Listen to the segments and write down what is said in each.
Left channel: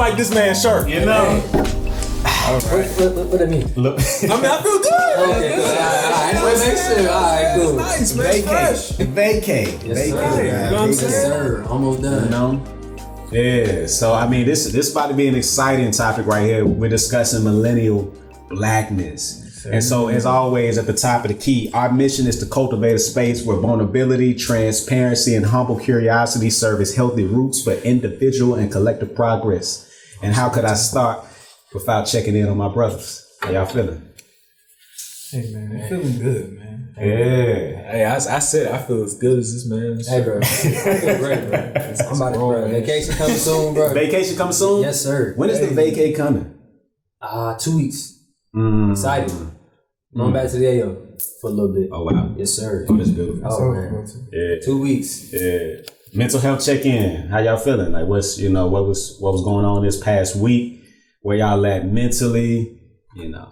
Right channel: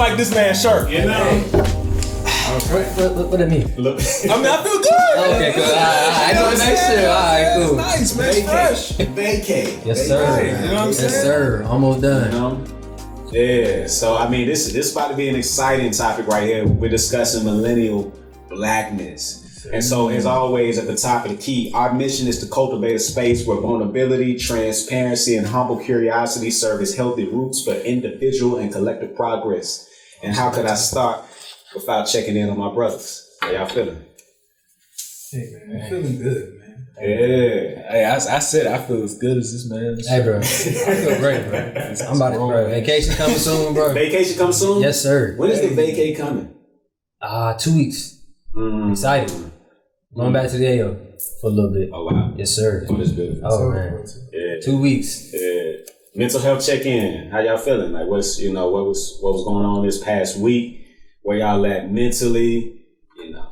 like this man's shirt. You know. What that mean? I mean, I feel good. Okay, good. I know next year. All right, cool. It's nice, man. It's fresh. Vacay. Yes, sir. You know what I'm saying? Yes, sir. Almost done. You know? Yeah. So I mean, this is about to be an exciting topic right here. We're discussing millennial blackness. And so, as always, at the top of the key, our mission is to cultivate a space where vulnerability, transparency, and humble curiosity serve as healthy roots for individual and collective progress. And how could I start without checking in on my brothers? How y'all feeling? Hey, man, I'm feeling good, man. Yeah. Hey, I said I feel as good as this man. Hey, bro. I feel great, bro. I'm about to, bro. Vacation coming soon, bro. Vacation coming soon? Yes, sir. When is the vacay coming? 2 weeks. Excited. Going back to the AO for a little bit. Oh, wow. Yes, sir. Oh, that's beautiful. Oh, man. Yeah. 2 weeks. Yeah. Mental health check-in. How y'all feeling? Like, what was going on this past week? Where y'all at mentally? You know.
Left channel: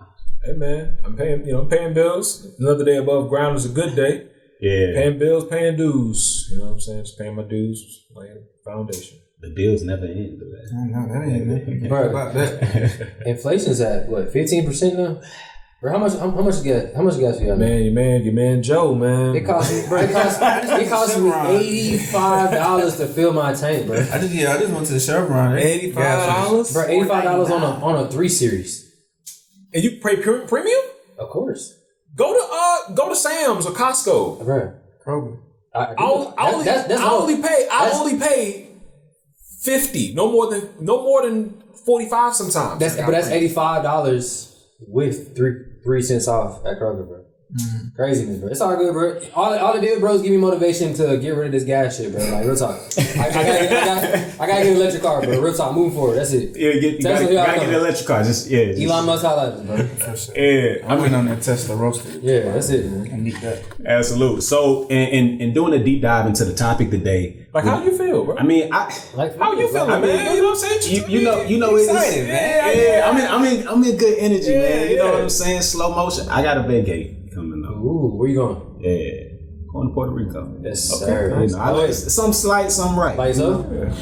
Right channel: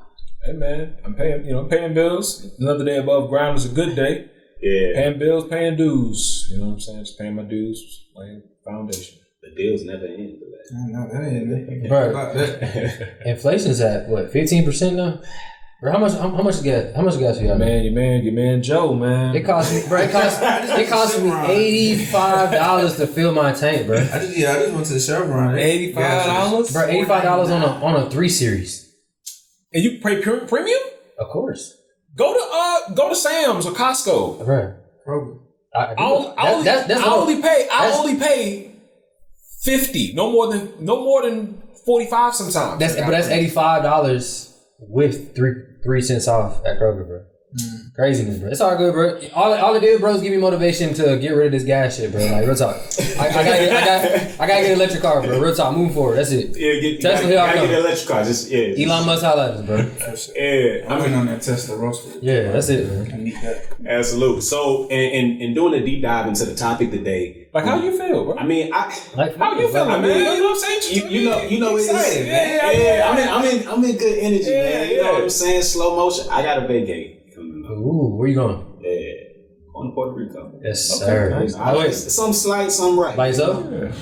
Hey man, I'm paying bills. Another day above ground is a good day. Yeah. Paying bills, paying dues. You know what I'm saying? Just paying my dues, laying foundation. The bills never end, do they? I know that ain't it. Bro. About that. Inflation's at what, 15% now? Bro, how much gas you got? Man, your man Joe, man. It cost me $85 to fill my tank, bro. I just went to the Chevron. $85? Bro, $85 on a 3 Series. And you pay premium? Of course. Go to Sam's or Costco. Bro. Kroger. I only pay $50. No more than $45 sometimes. That's $85 with 3 cents off at Kroger, bro. Craziness, bro. It's all good, bro. All it did, bro, is give me motivation to get rid of this gas shit, bro. Like, real talk. I gotta get an electric car, bro. Real talk. Moving forward. That's it. Yeah, you gotta get an electric car. Elon Musk highlights, bro. Yeah, I went on that Tesla roaster. Yeah, that's it, man. I need that. Absolutely. So, and doing a deep dive into the topic today. Like, how you feel, bro? I mean, how you feeling, man? You know what I'm saying? You know, it's excited, man. Yeah. I'm in good energy, man. You know Yeah. what I'm saying? Slow motion. I got a vacay coming up. Ooh, where you going? Yeah. Going to Puerto Rico. Yes, sir. Nice. Some slight, some right. By yourself? Yeah.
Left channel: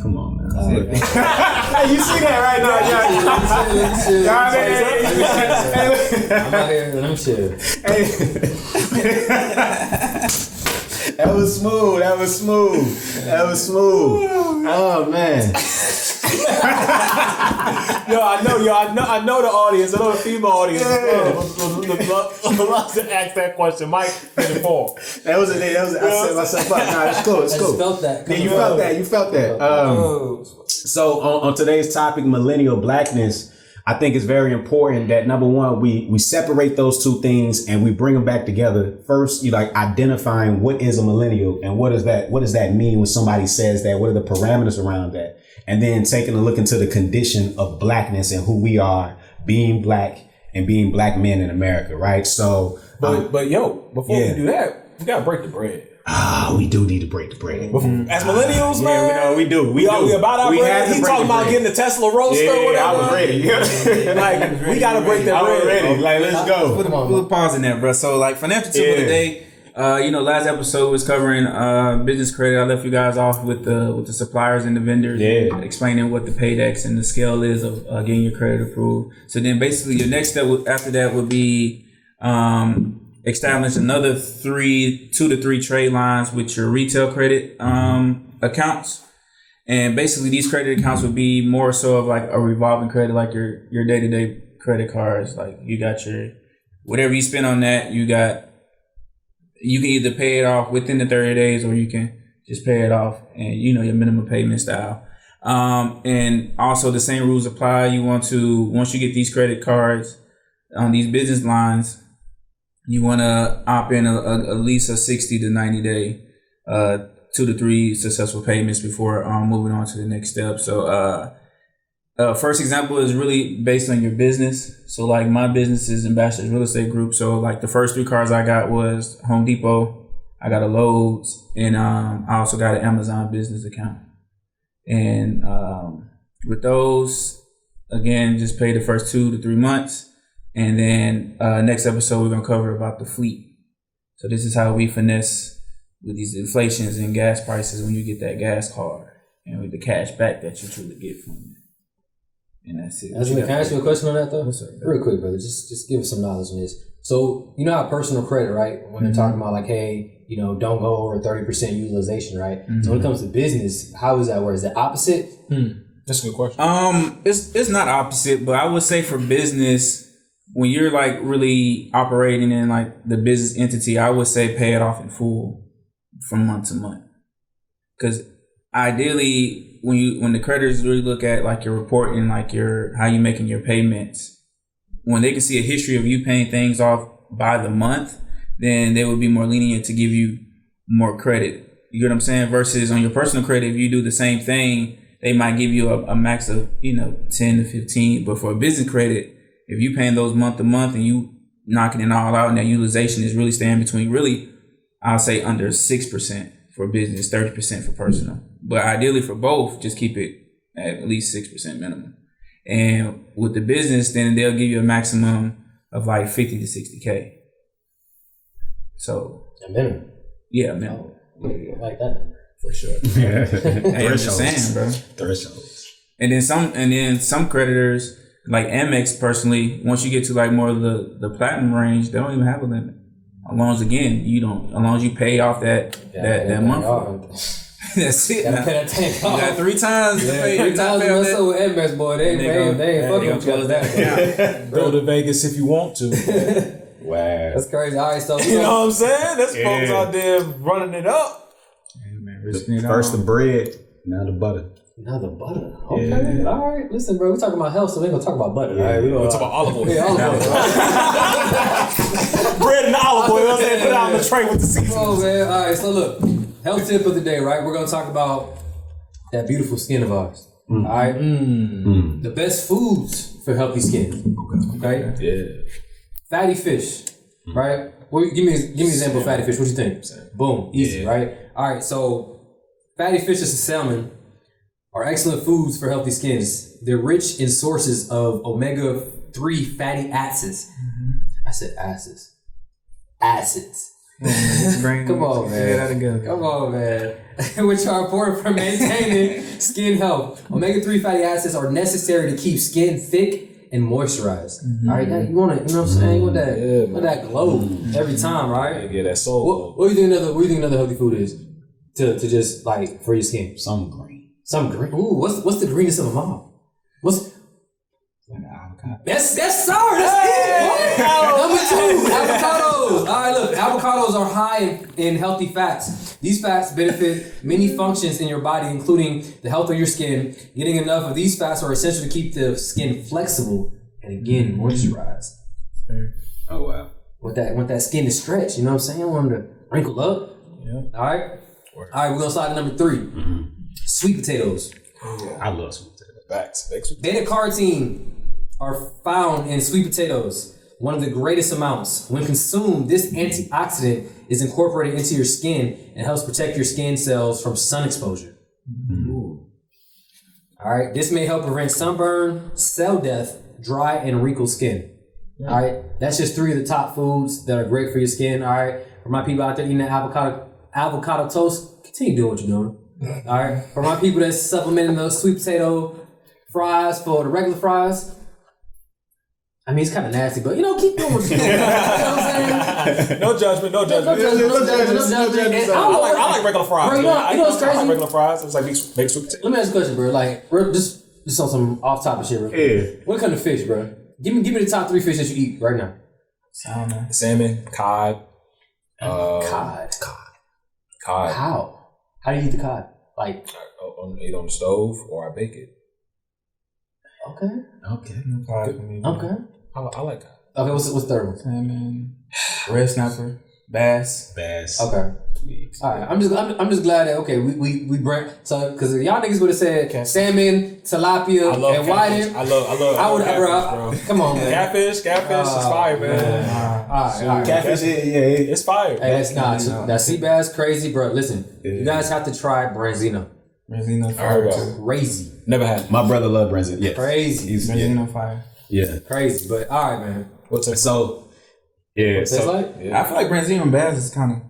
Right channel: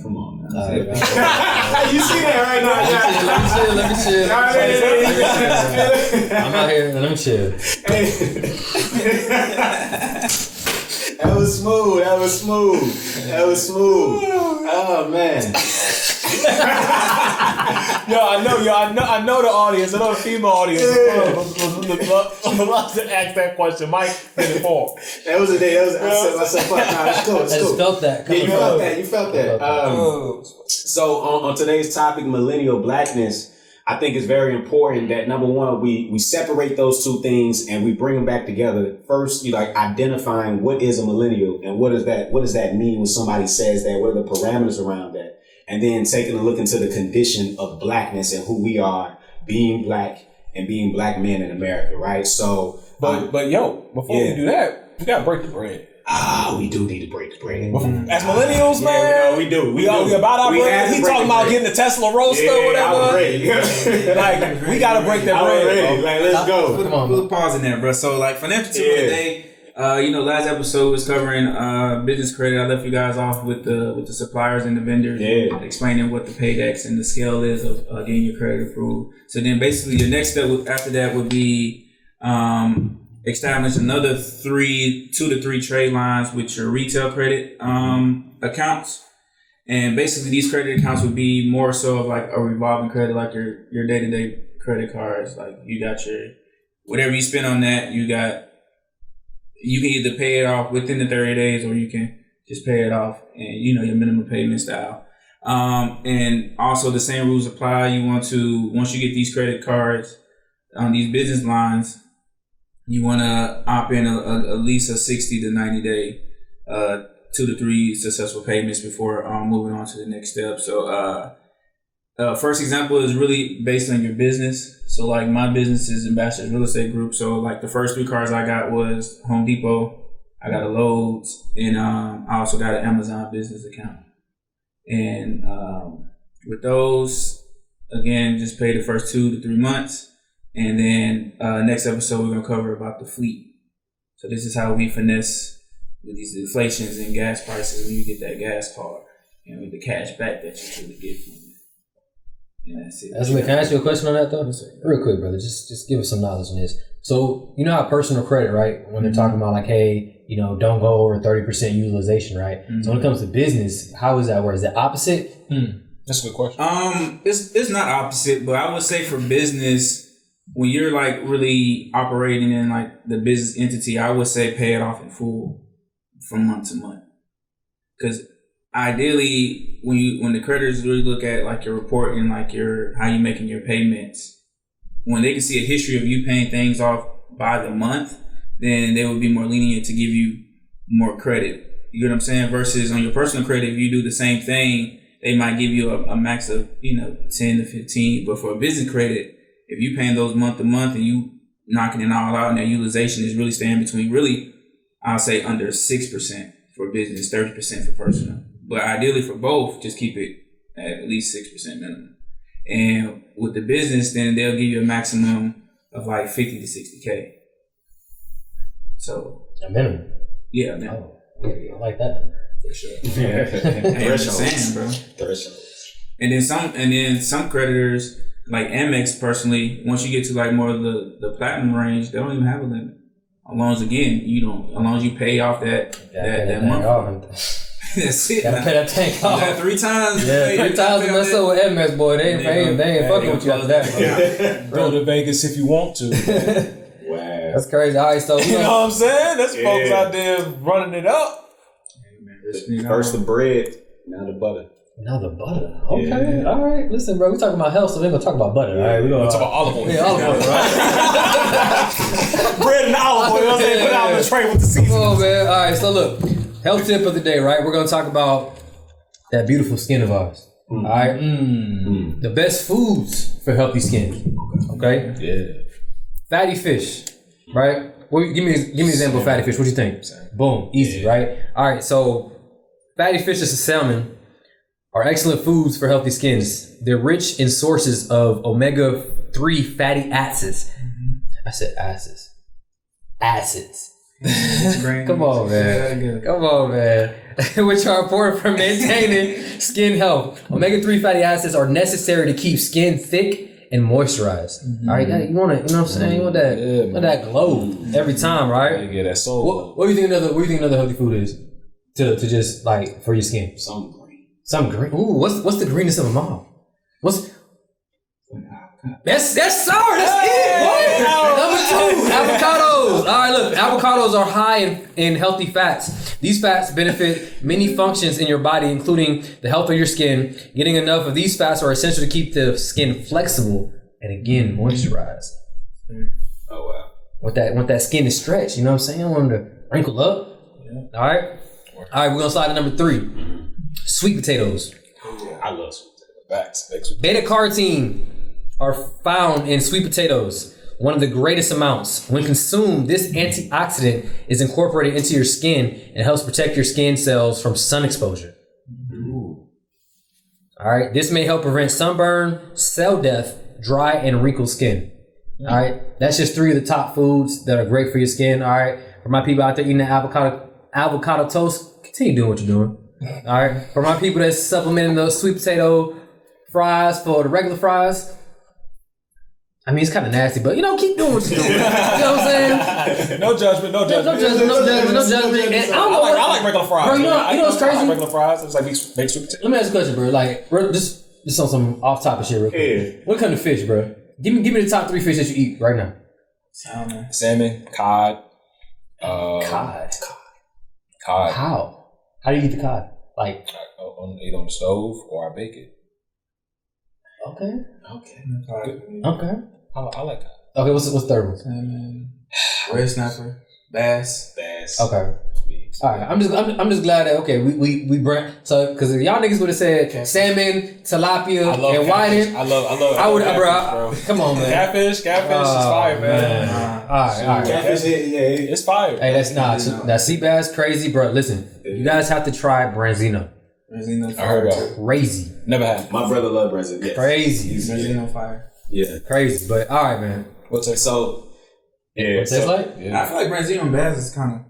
Come on, man. Right. You see that right now? Let me chill. I'm out here. Let me chill. That was smooth. Oh man. I know the audience. I know the female audience. I'm about to ask that question. Mike did it for. That was I set myself up. Nah, it's cool. I just felt that. Yeah, you felt that. So on today's topic, millennial blackness, I think it's very important that number one, we separate those two things and we bring them back together. First, you like identifying what is a millennial and what does that mean when somebody says that? What are the parameters around that? And then taking a look into the condition of blackness and who we are, being black and being black men in America, right? So, but before we do that, we gotta break the bread. We do need to break the bread. As millennials, man, we do. We about our bread. He talking about getting the Tesla roaster or whatever. I'm ready. Like, we gotta break that bread. Ready. Like, let's go. Put a pause in there, bro. So, like, financial tip of the day. Last episode was covering business credit. I left you guys off with the suppliers and the vendors, explaining what the paydex and the scale is of getting your credit approved. So then, basically, your next step after that would be establish another 2 to 3 trade lines with your retail credit accounts. And basically, these credit accounts would be more so of like a revolving credit, like your day-to-day credit cards. Like, you got your whatever you spend on that, you can either pay it off within the 30 days or you can just pay it off and, your minimum payment style. And also the same rules apply. You want to, once you get these credit cards on these business lines, you want to opt in at least a 60 to 90 day, 2 to 3 successful payments before moving on to the next step. So, first example is really based on your business. So like my business is Ambassadors Real Estate Group. So like the first 3 cards I got was Home Depot, I got a Lowe's, and I also got an Amazon business account. And with those, again, just pay the first 2 to 3 months. And then next episode, we're going to cover about the fleet. So this is how we finesse with these inflations and gas prices when you get that gas card and with the cash back that you truly get from it. and that's it. Can I ask you a question on that though? Real quick, brother. Just give us some knowledge on this. So you know how personal credit, right? When they're talking about like, hey, you know, don't go over 30% utilization, right? So when it comes to business, how is that work? Is it opposite? That's a good question. It's not opposite, but I would say for business, when you're like really operating in like the business entity, I would say pay it off in full from month to month. Because ideally, when the creditors really look at like your reporting, like how you making your payments, when they can see a history of you paying things off by the month, then they would be more lenient to give you more credit. You get what I'm saying? Versus on your personal credit, if you do the same thing, they might give you a max of 10 to 15. But for a business credit, if you paying those month to month and you knocking it all out, and that utilization is really staying between I'll say under 6% for business, 30% for personal. But ideally for both, just keep it at least 6% minimum. And with the business, then they'll give you a maximum of like 50 to 60K. So A minimum. Yeah, minimum. Oh, I like that. For sure. Hey, I'm just saying, bro. Thresholds. And then some creditors, like Amex personally, once you get to like more of the platinum range, they don't even have a limit. As long as you pay off that month. That's it. Gotta pay that tank off. You got 3 times. Yeah, 3 times you mess up with MS, boy. They ain't fucking with you after that. Go to Vegas if you want to. Wow. That's crazy. All right, so You know what I'm saying? There's folks out there running it up. First the bread, now the butter. Now the butter. Okay. All right. Listen, bro. We talking about health, so we ain't gonna talk about butter. All right. We gonna talk about olive oil. Yeah, olive oil, bro. Bread and olive oil. You know what I'm saying? Put it out on the tray with the seasoning. Oh man. All right. So look, health tip of the day, right? We're gonna talk about that beautiful skin of ours. All right. The best foods for healthy skin. Okay. Yeah. Fatty fish, right? Well, give me an example of fatty fish. What do you think? Boom, easy, right? All right, so fatty fish and salmon are excellent foods for healthy skins. They're rich in sources of omega-3 fatty acids. I said acids. Acids. Come on, man. Come on, man. Which are important for maintaining skin health. Omega-3 fatty acids are necessary to keep skin thick and moisturized. All right, you want it, you know what I'm saying? You want that glow every time, right? Yeah, that soul. What do you think another healthy food is to just like for your skin? Some green. Some green. Ooh, what's the greenest of them all? What's That's sour. That's it. Number 2, avocados. All right, look, avocados are high in healthy fats. These fats benefit many functions in your body, including the health of your skin. Getting enough of these fats are essential to keep the skin flexible and again moisturized. Oh wow. Want that skin to stretch. You know what I'm saying? I want them to wrinkle up. Yeah. All right. We're gonna slide to number 3. Sweet potatoes. I love sweet potatoes. Facts. Beta carotene are found in sweet potatoes, one of the greatest amounts. When consumed, this antioxidant is incorporated into your skin and helps protect your skin cells from sun exposure. All right, this may help prevent sunburn, cell death, dry and wrinkled skin. All right, that's just 3 of the top foods that are great for your skin. All right, for my people out there eating that avocado toast, continue doing what you're doing. All right, for my people that's supplementing those sweet potato fries for the regular fries, I mean, it's kind of nasty, but, keep doing what you're doing. You know what I'm saying? No judgment. No judgment. And I like regular fries. Bro, you know what's crazy? I like regular fries. It's like baked sweet potato. Let me ask you a question, bro. Like, bro, just on some off-topic shit real quick. Yeah. When it comes to fish, bro, give me the top 3 fish that you eat right now. Salmon, cod. Cod. Cod. How do you eat the cod? Like, either on the stove or I bake it. Okay. I like cod. Okay, what's the third one? Salmon, red snapper, bass. Okay. All right. I'm just glad that we brand so because y'all niggas would have said salmon, tilapia, and whiting. I love catfish, bro. Come on, man. Catfish is fire, man. All right. Catfish, It's fire. Hey, that's not that sea bass crazy, bro. Listen, you guys have to try Branzino. Branzino I heard fire. about. Crazy. Never had. My brother loved Branzino. Yeah. Crazy. Branzino fire. Yeah. Crazy. But all right, man. What's it? So, yeah. What's it like? Yeah. I feel like Branzino and bass is kind of.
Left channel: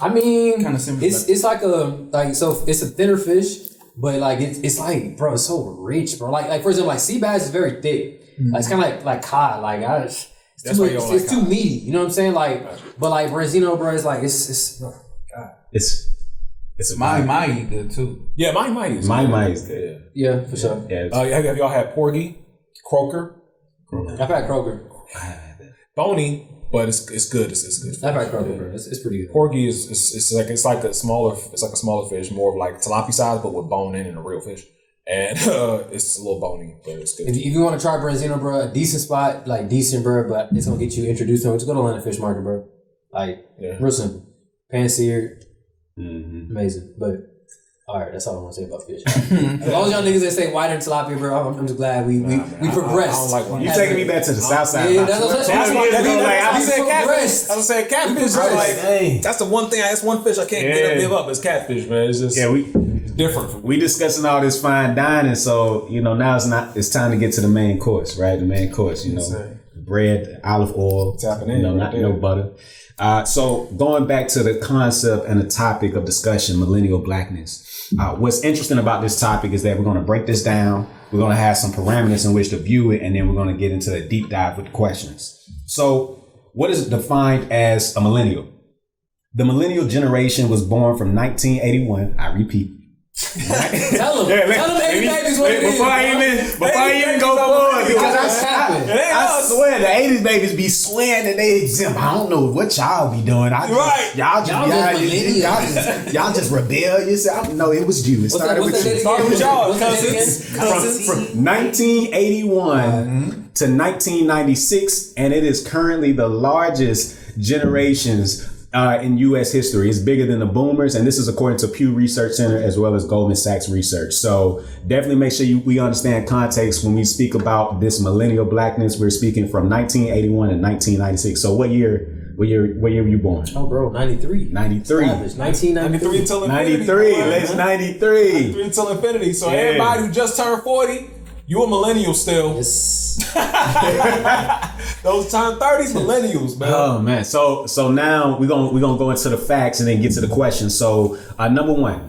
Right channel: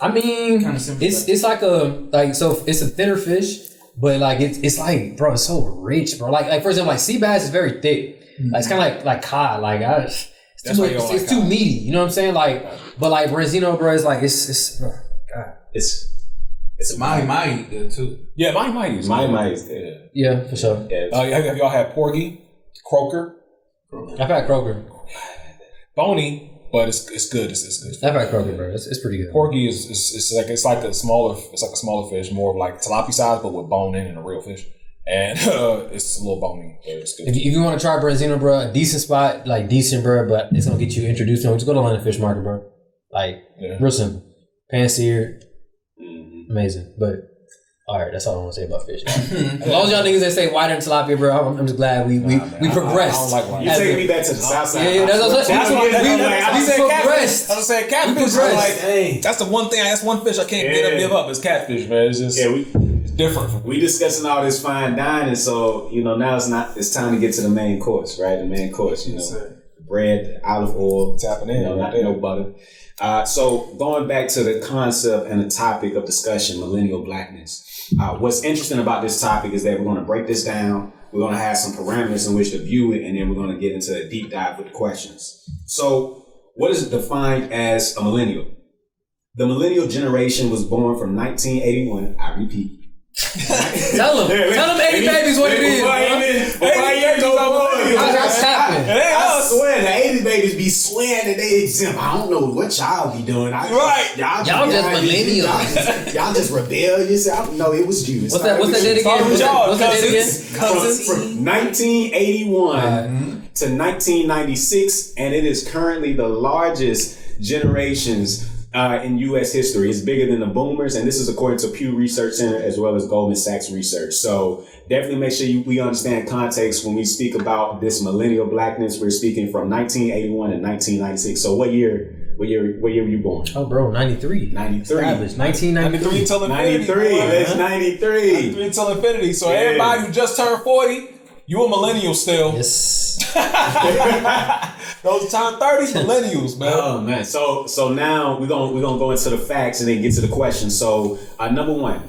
I mean, Kinda similar. it's like it's a thinner fish, but like it's like, bro, it's so rich, bro. Like for example, like sea bass is very thick. Like, it's kind of like cod. Like it's too meaty. You know what I'm saying? Like, but like Branzino, bro, it's like it's oh, God. It's Mahi good too. Yeah, Mahi is good. Yeah, for sure. Yeah. Have y'all had porgy, croaker? I've had croaker. Bony, but it's good. It's good. I've had croaker, bro. It's pretty good. Porgy is like a smaller fish, more of like tilapia size, but with bone in and a real fish. And it's a little bony, but it's good. If you want to try Branzino, bro, a decent spot, like decent, bro, but it's gonna get you introduced to them. Just go to Atlanta Fish Market, bro. Like, real simple. Pan-seared, amazing. But all right, that's all I want to say about fish. As long as y'all niggas that stay wider than tilapia, bro, I'm just glad we progressed. I don't like You take me back to the south side. Yeah, that's what I'm saying. I was saying catfish. Like, that's the one thing. That's one fish I can't give up. It's catfish, man. It's just it's different from we discussing all this fine dining, so now it's time to get to the main course, right? The main course, bread, olive oil, tapping in, no butter. So going back to the concept and the topic of discussion, millennial blackness. What's interesting about this topic is that we're going to break this down. We're going to have some parameters in which to view it, and then we're going to get into a deep dive with the questions. So what is defined as a millennial? The millennial generation was born from 1981. I repeat. Tell them 80 babies what it is. Before I even go forward, That's happening. I swear the 80s babies be swearing that they exempt. I don't know what y'all be doing. Y'all just rebellious. No, it was you. What's that date again? Started with y'all, Cousins. From 1981 to 1996, and it is currently the largest generations in U.S. history. It's bigger than the boomers, and this is according to Pew Research Center as well as Goldman Sachs Research. So definitely make sure we understand context when we speak about this millennial blackness. We're speaking from 1981 and 1996. So what year were you born? Oh, bro, 93. 93. 1993 until infinity. 93. Let's 93. 93 until infinity. So everybody who just turned 40, you a millennial still. Yes. Those turn 30s millennials, man. Oh man. So now we're gonna go into the facts and then get to the questions. So number one,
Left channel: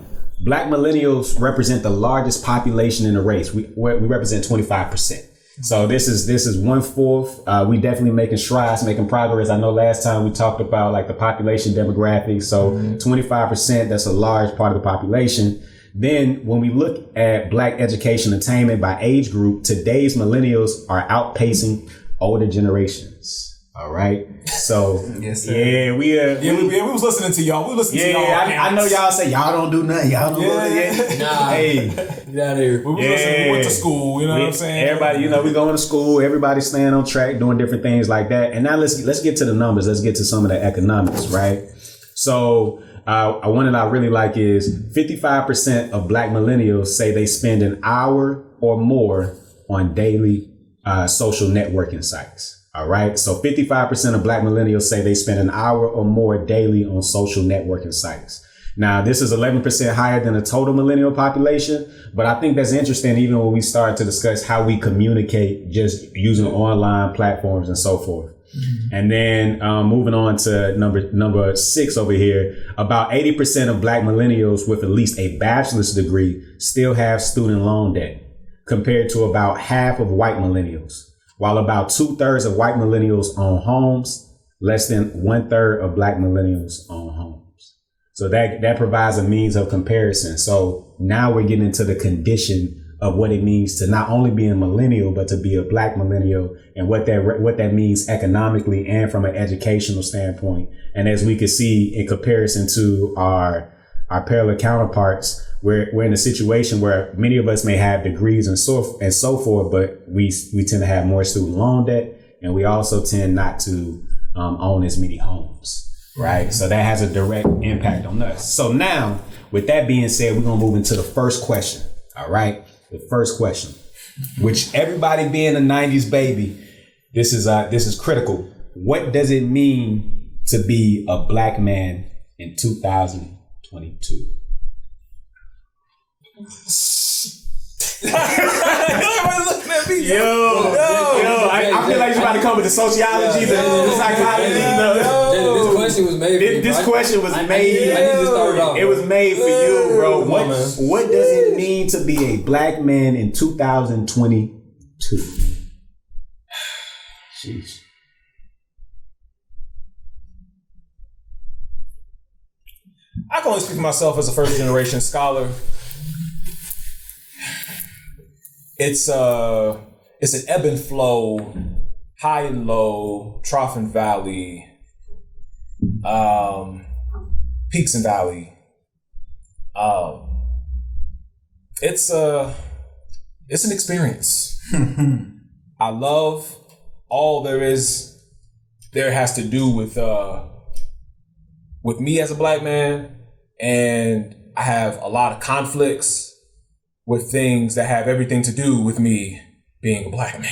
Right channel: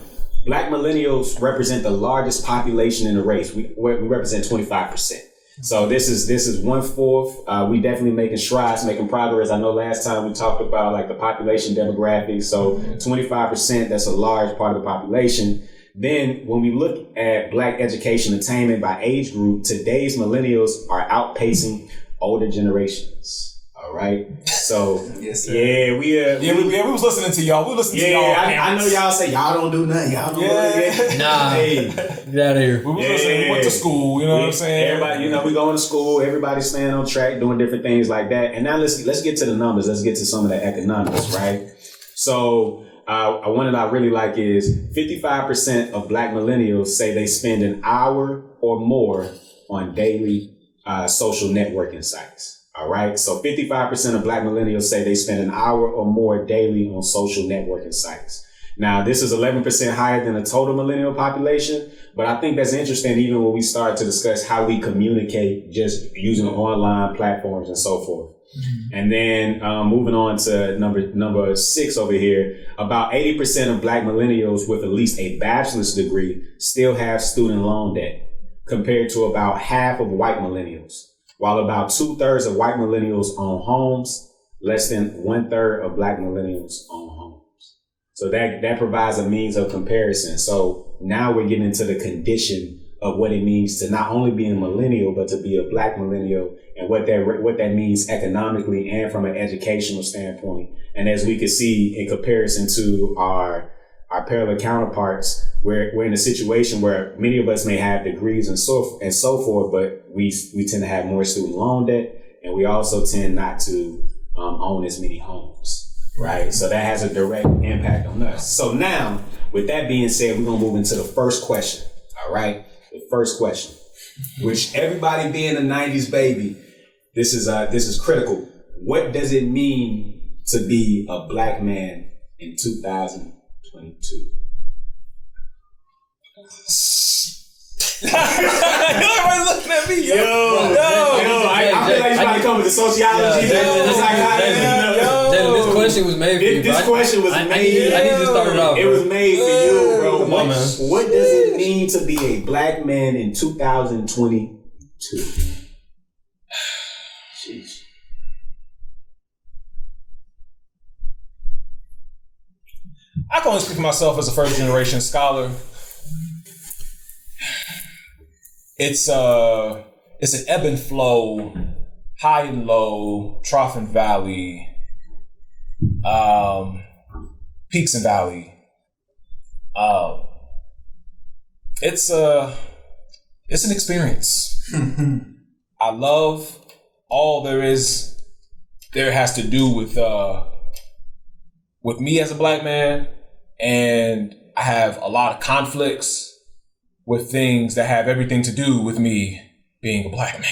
Black millennials represent the largest population in the race. We represent 25%. So this is 1/4. We definitely making strides, making progress. I know last time we talked about like the population demographics. So 25%, that's a large part of the population. Then when we look at Black education attainment by age group, today's millennials are outpacing older generations. All right. So yes, sir. We was listening to y'all. We listened to y'all. I know y'all say y'all don't do nothing. Y'all don't do nothing. Nah. Hey, get out of here. We was listening. We went to school. You know what I'm saying? Everybody, we going to school. Everybody's staying on track, doing different things like that. And now let's get to the numbers. Let's get to some of the economics, right? So one that I really like is 55% of Black millennials say they spend an hour or more on daily social networking sites. All right. So 55% of Black millennials say they spend an hour or more daily on social networking sites. Now, this is 11% higher than the total millennial population, but I think that's interesting even when we start to discuss how we communicate just using online platforms and so forth. Mm-hmm. And then moving on to number 6 over here, about 80% of Black millennials with at least a bachelor's degree still have student loan debt, compared to about half of white millennials. While about 2/3 of white millennials own homes, less than 1/3 of Black millennials own homes. So that provides a means of comparison. So now we're getting into the condition of what it means to not only be a millennial, but to be a Black millennial, and what that means economically and from an educational standpoint. And as we can see in comparison to our parallel counterparts, we're in a situation where many of us may have degrees and so forth, but we tend to have more student loan debt, and we also tend not to own as many homes, right? So that has a direct impact on us. So now, with that being said, we're gonna move into the first question. All right, the first question, which everybody being a '90s baby, this is critical. What does it mean to be a Black man in 2022? Everybody looking at me. I feel like you're about to come with the sociology. This question was made for you. This question was made. I need to start it off. It was made for you, bro. Come on, man. What does it mean to be a black man in 2022? Sheesh. I can only speak for myself as a first generation scholar. It's an ebb and flow, high and low, trough and valley, peaks and valley. It's an experience. I love all there has to do with me as a black man, and I have a lot of conflicts with things that have everything to do with me being a black man.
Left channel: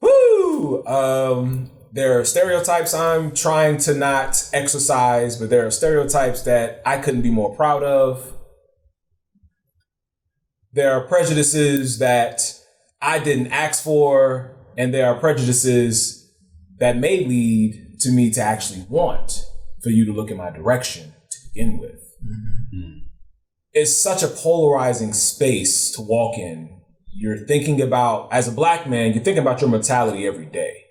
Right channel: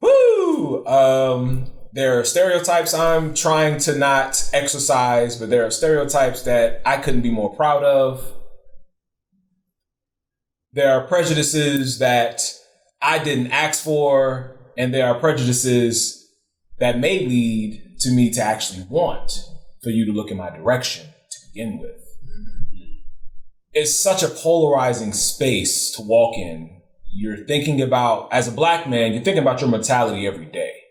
Woo! There are stereotypes I'm trying to not exercise, but there are stereotypes that I couldn't be more proud of. There are prejudices that I didn't ask for, and there are prejudices that may lead to me to actually want for you to look in my direction to begin with. It's such a polarizing space to walk in. You're thinking about, as a black man, you're thinking about your mortality every day.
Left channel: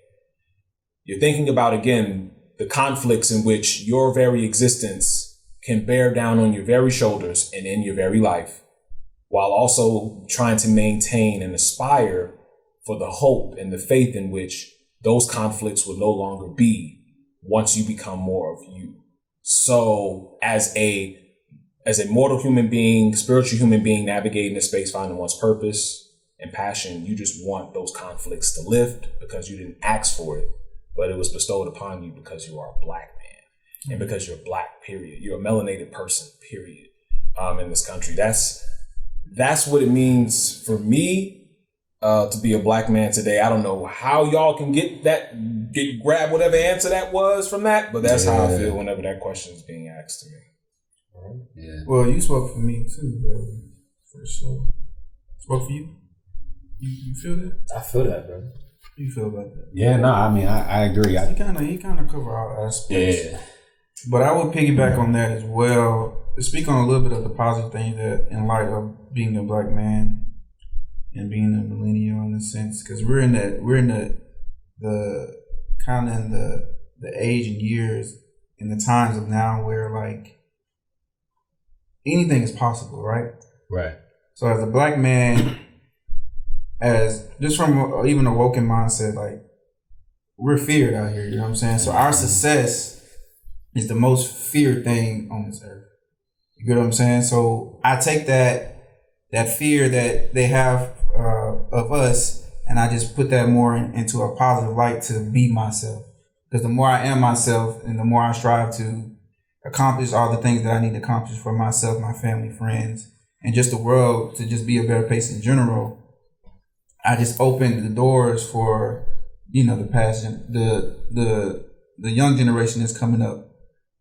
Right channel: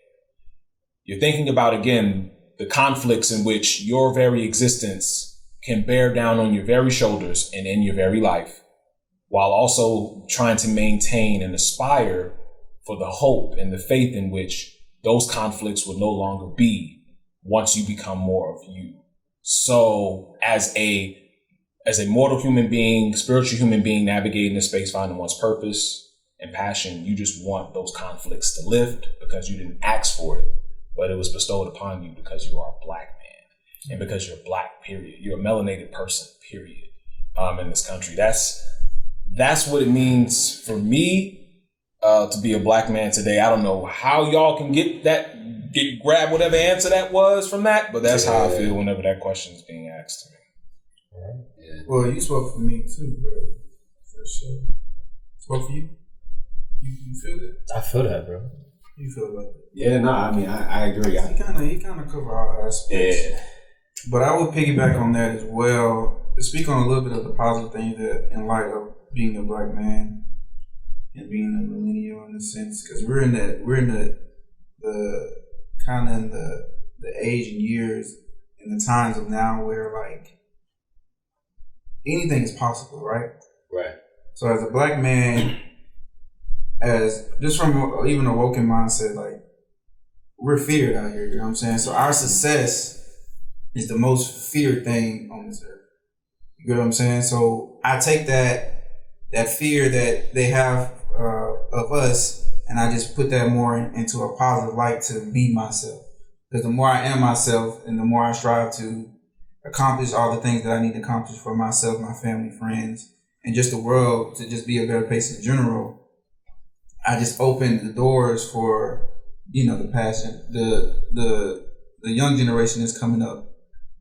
You're thinking about, again, the conflicts in which your very existence can bear down on your very shoulders and in your very life, while also trying to maintain and aspire for the hope and the faith in which those conflicts will no longer be once you become more of you. So as a mortal human being, spiritual human being navigating this space, finding one's purpose and passion, you just want those conflicts to lift because you didn't ask for it, but it was bestowed upon you because you are a black man and because you're black, period. You're a melanated person, period, in this country. That's what it means for me to be a black man today. I don't know how y'all can grab whatever answer that was from that, but that's how I feel whenever that question is being asked to me. Yeah. Well, you spoke for me too, bro. For sure. Spoke for you? You feel that? I feel that, bro. You feel about that? Yeah, no, I mean, I agree. He kind of cover all aspects. Yeah. But I would piggyback on that as well. Speak on a little bit of the positive things that, in light of being a black man and being a millennial in a sense, because we're in the kind of in the age and years in the times of now where like anything is possible, right? Right. So as a black man, as just from even a woken mindset, like we're feared out here, you know what I'm saying? So our success is the most feared thing on this earth. You get what I'm saying? So I take that fear that they have of us, and I just put that more into a positive light to be myself. Because the more I am myself, and the more I strive to accomplish all the things that I need to accomplish for myself, my family, friends, and just the world to just be a better place in general, I just opened the doors for, the passion, the young generation that's coming up,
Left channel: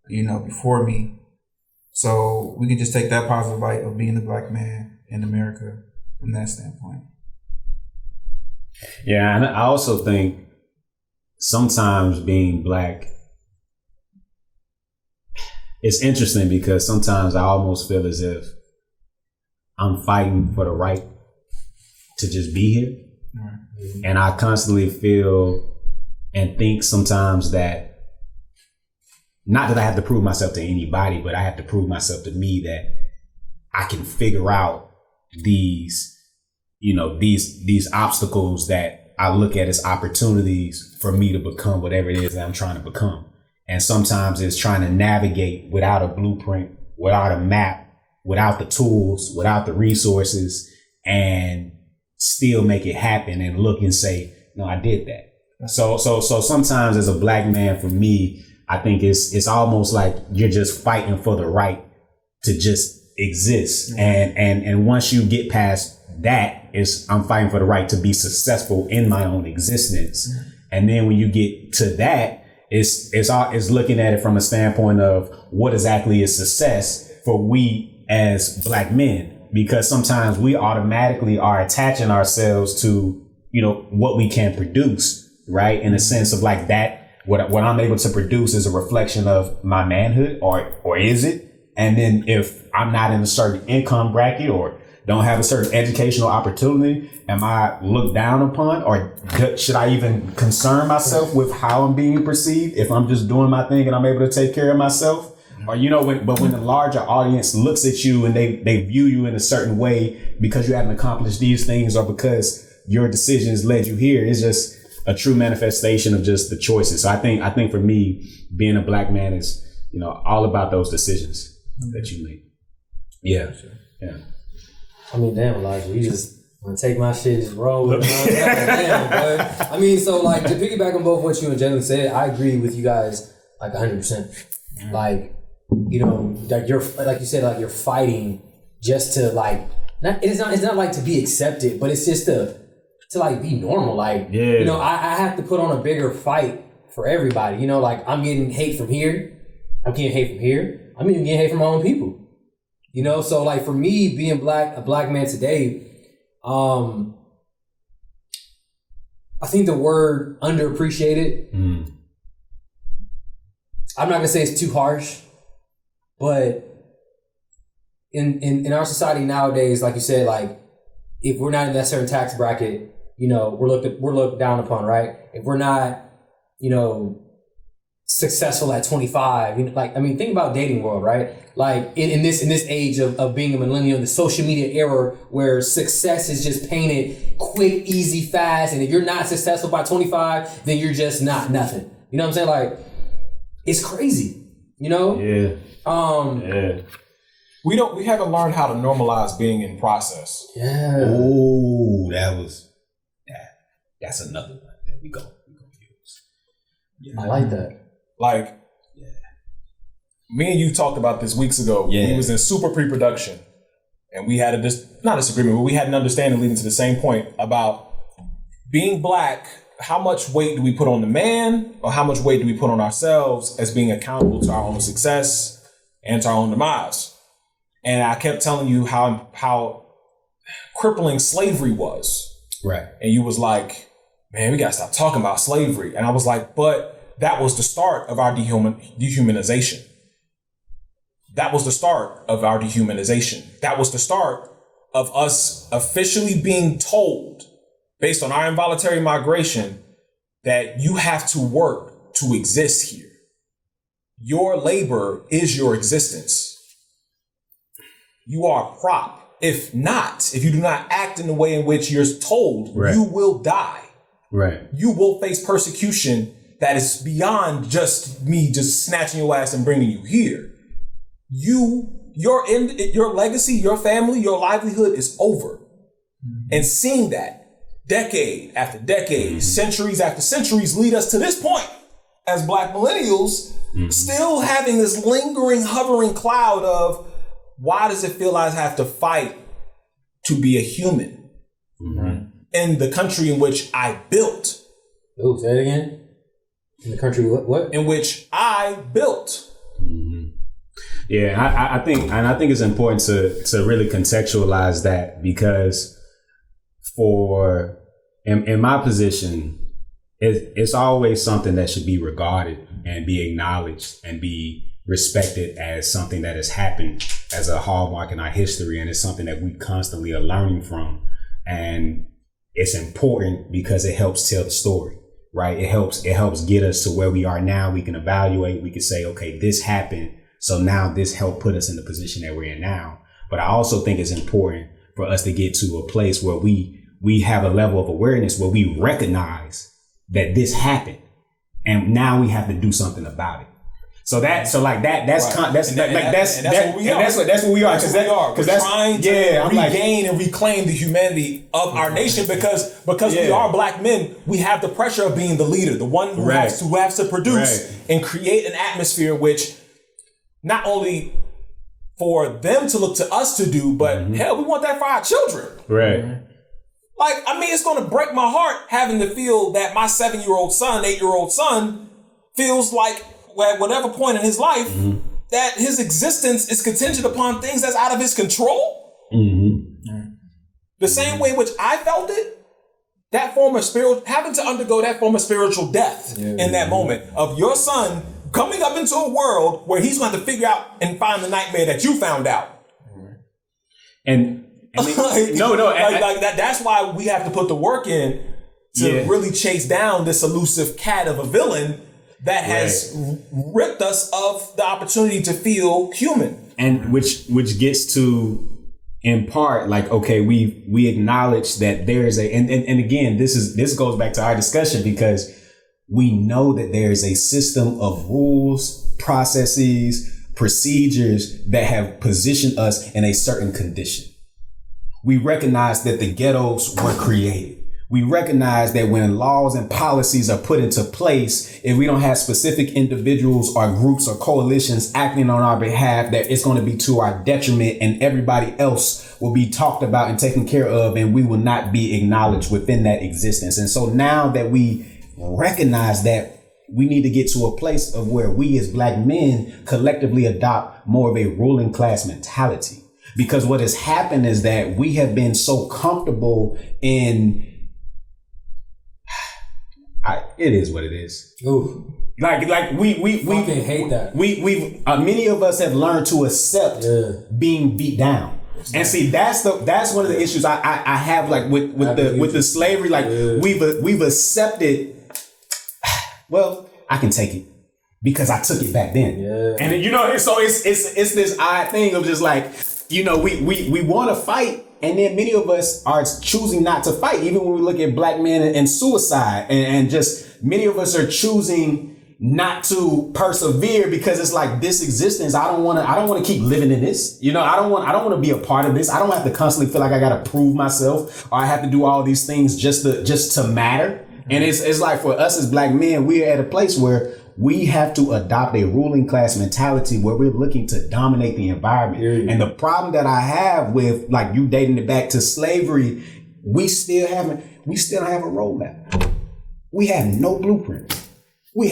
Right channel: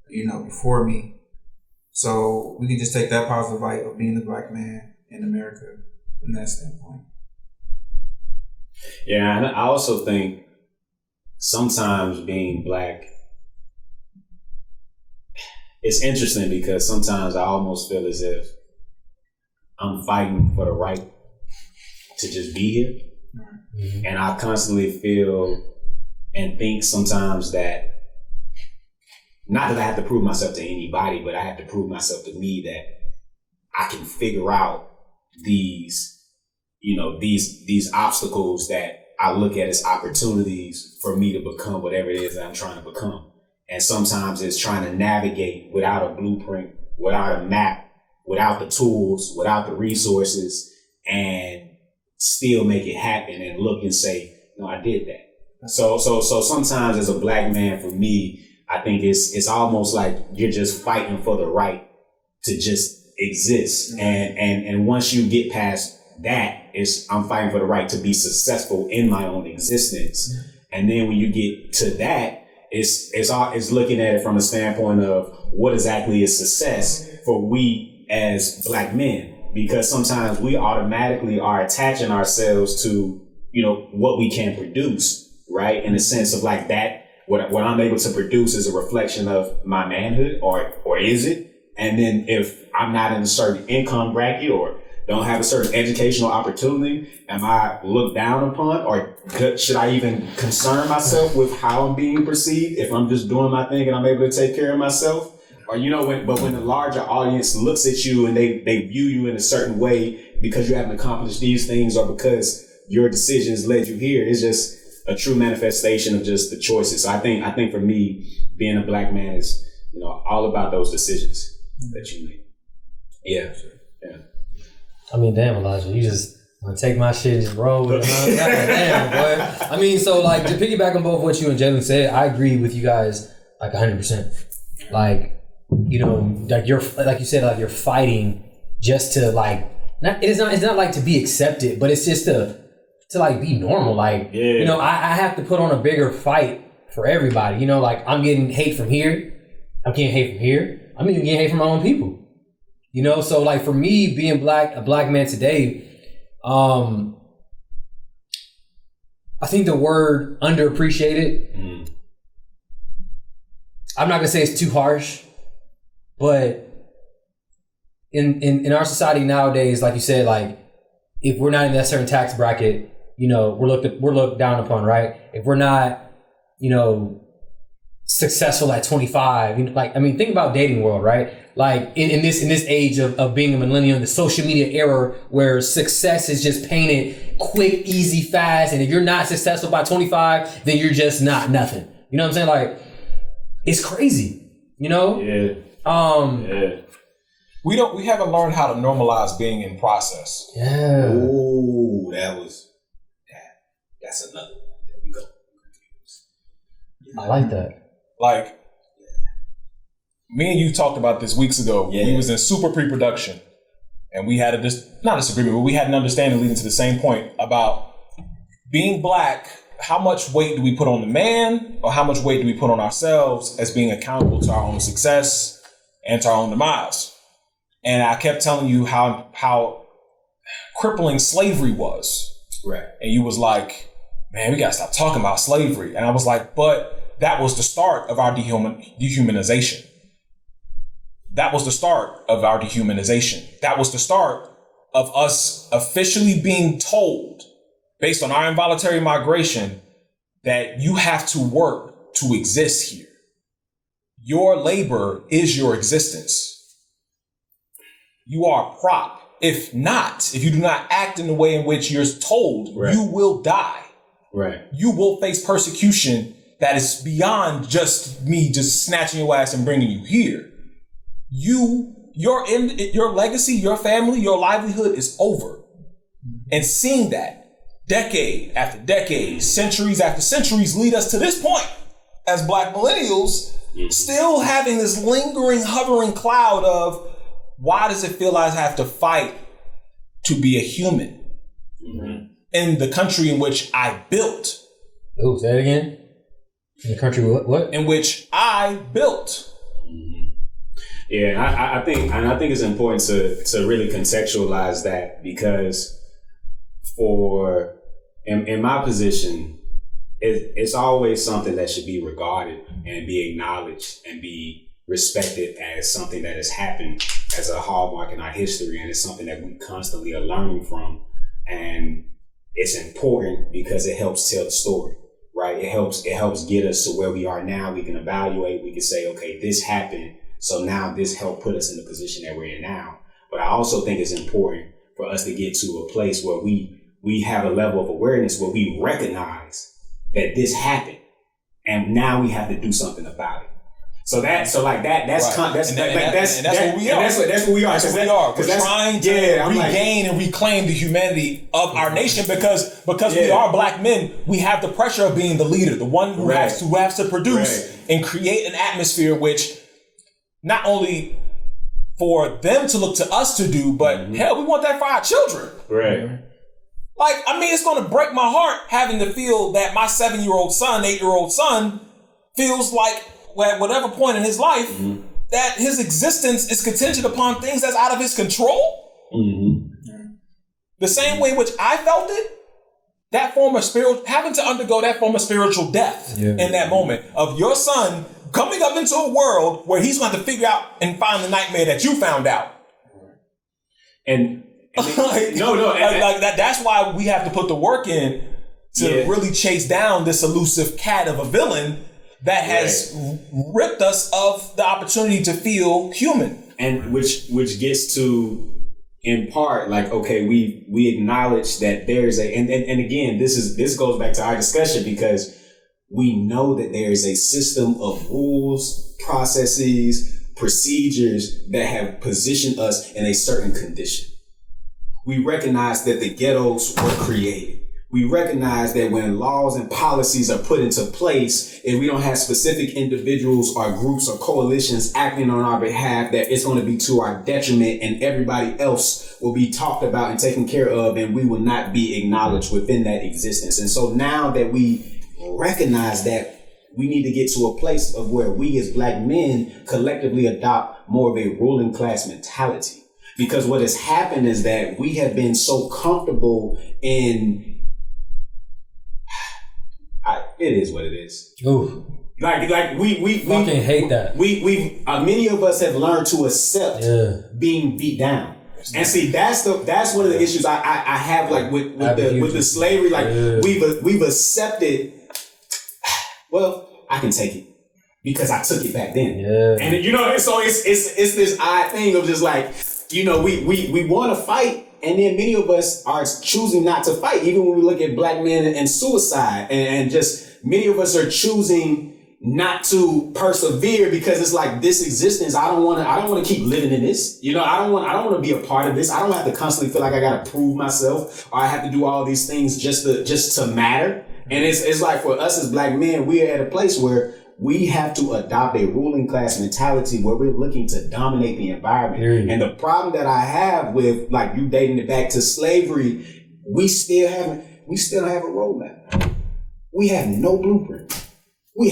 before me. So we can just take that positive light of being a black man in America from that standpoint. Yeah, and I also think sometimes being black, it's interesting because sometimes I almost feel as if I'm fighting for the right to just be here. Mm-hmm. And I constantly feel and think sometimes that, not that I have to prove myself to anybody, but I have to prove myself to me that I can figure out these obstacles that I look at as opportunities for me to become whatever it is that I'm trying to become. And sometimes it's trying to navigate without a blueprint, without a map, without the tools, without the resources, and still make it happen and look and say, no, I did that. So sometimes as a black man, for me, I think it's almost like you're just fighting for the right to just exist. Mm-hmm. And once you get past that, I'm fighting for the right to be successful in my own existence. Mm-hmm. And then when you get to that, it's looking at it from a standpoint of what exactly is success for we as black men, because sometimes we automatically are attaching ourselves to, what we can produce, right? In a sense of like that what I'm able to produce is a reflection of my manhood, or is it? And then if I'm not in a certain income bracket or don't have a certain educational opportunity, am I looked down upon, or should I even concern myself with how I'm being perceived if I'm just doing my thing and I'm able to take care of myself? Or, when the larger audience looks at you and they view you in a certain way because you haven't accomplished these things or because your decisions led you here, it's just a true manifestation of just the choices. So I think for me, being a black man is, all about those decisions that you make. Yeah. Yeah. I mean, damn, Elijah, you just want to take my shit and just roll with it. Damn, boy. I mean, so like to piggyback on both what you and Jalen said, I agree with you guys like 100%. Like, like you're, like you said, like you're fighting just to like, it's not like to be accepted, but it's just to like be normal. Like, I have to put on a bigger fight for everybody. Like I'm getting hate from here. I'm getting hate from here. I'm even getting hate from my own people. So like for me being a black man today, I think the word underappreciated, I'm not gonna say it's too harsh, but in our society nowadays, like you said, like if we're not in that certain tax bracket, we're looked down upon, right? If we're not, successful at 25, think about dating world, right? Like in this age of being a millennial, the social media era where success is just painted quick, easy, fast, and if you're not successful by 25, then you're just not nothing. You know what I'm saying? Like it's crazy, Yeah. We haven't learned how to normalize being in process. Yeah. Ooh, that's another one. There we go. I like that. Like, me and you talked about this weeks ago. Yeah. We was in super pre-production, and we had not a disagreement, but we had an understanding leading to the same point about being black. How much weight do we put on the man, or how much weight do we put on ourselves as being accountable to our own success and to our own demise? And I kept telling you how crippling slavery was. Right. And you was like, man, we gotta stop talking about slavery. And I was like, but that was the start of our dehumanization. That was the start of our dehumanization. That was the start of us officially being told, based on our involuntary migration, that you have to work to exist here. Your labor is your existence. You are a prop. If you do not act in the way in which you're told, right, you will die. Right. You will face persecution that is beyond just me just snatching your ass and bringing you here. Your legacy, your family, your livelihood is over. And seeing that decade after decade, centuries after centuries lead us to this point as Black millennials, still having this lingering, hovering cloud of, why does it feel like I have to fight to be a human in the country in which I built? Oh, say it again. In the country, what? In which I built. Yeah, I think it's important to really contextualize that, because in my position, it's always something that should be regarded and be acknowledged and be respected as something that has happened as a hallmark in our history, and it's something that we constantly are learning from. And it's important because it helps tell the story, right? It helps get us to where we are now. We can evaluate, we can say, okay, this happened, so now this helped put us in the position that we're in now. But I also think it's important for us to get to a place where we have a level of awareness where we recognize that this happened, and now we have to do something about it. That's right. That's what we are. That's what we are. We're trying to regain and reclaim the humanity of our nation because we are Black men. We have the pressure of being the leader, the one who has to produce and create an atmosphere which not only for them to look to us to do, but hell, we want that for our children. Right. Like, I mean, it's going to break my heart having to feel that my 7-year-old son, 8-year-old son feels like at whatever point in his life that his existence is contingent upon things that's out of his control. The same way in which I felt it, having to undergo that form of spiritual death in that moment of your son coming up into a world where he's going to figure out and find the nightmare that you found out. And that's why we have to put the work in to really chase down this elusive cat of a villain that has ripped us of the opportunity to feel human. And which gets to, in part, like, okay, we acknowledge that there's and again, this goes back to our discussion because we know that there's a system of rules, processes, procedures that have positioned us in a certain condition. We recognize that the ghettos were created. We recognize that when laws and policies are put into place, if we don't have specific individuals or groups or coalitions acting on our behalf, that it's going to be to our detriment and everybody else will be talked about and taken care of, and we will not be acknowledged within that existence. And so now that we recognize that, we need to get to a place of where we as Black men collectively adopt more of a ruling class mentality. Because what has happened is that we have been so comfortable in it is what it is. Ooh. Like we fucking hate that. We many of us have learned to accept being beat down. And see, that's one of the issues I have, like with the slavery. Like we've accepted. Well, I can take it because I took it back then. Yeah. And you know, so it's this odd thing of just like, you know, we want to fight. And then many of us are choosing not to fight, even when we look at Black men and suicide, and just many of us are choosing not to persevere because it's like this existence. I don't want to keep living in this. You know, I don't want to be a part of this. I don't have to constantly feel like I got to prove myself or I have to do all these things just to matter. And it's like for us as Black men, we are at a place where we have to adopt a ruling class mentality where we're looking to dominate the environment. And the problem that I have with, like, you dating it back to slavery, we still have a roadmap. We have no blueprint. We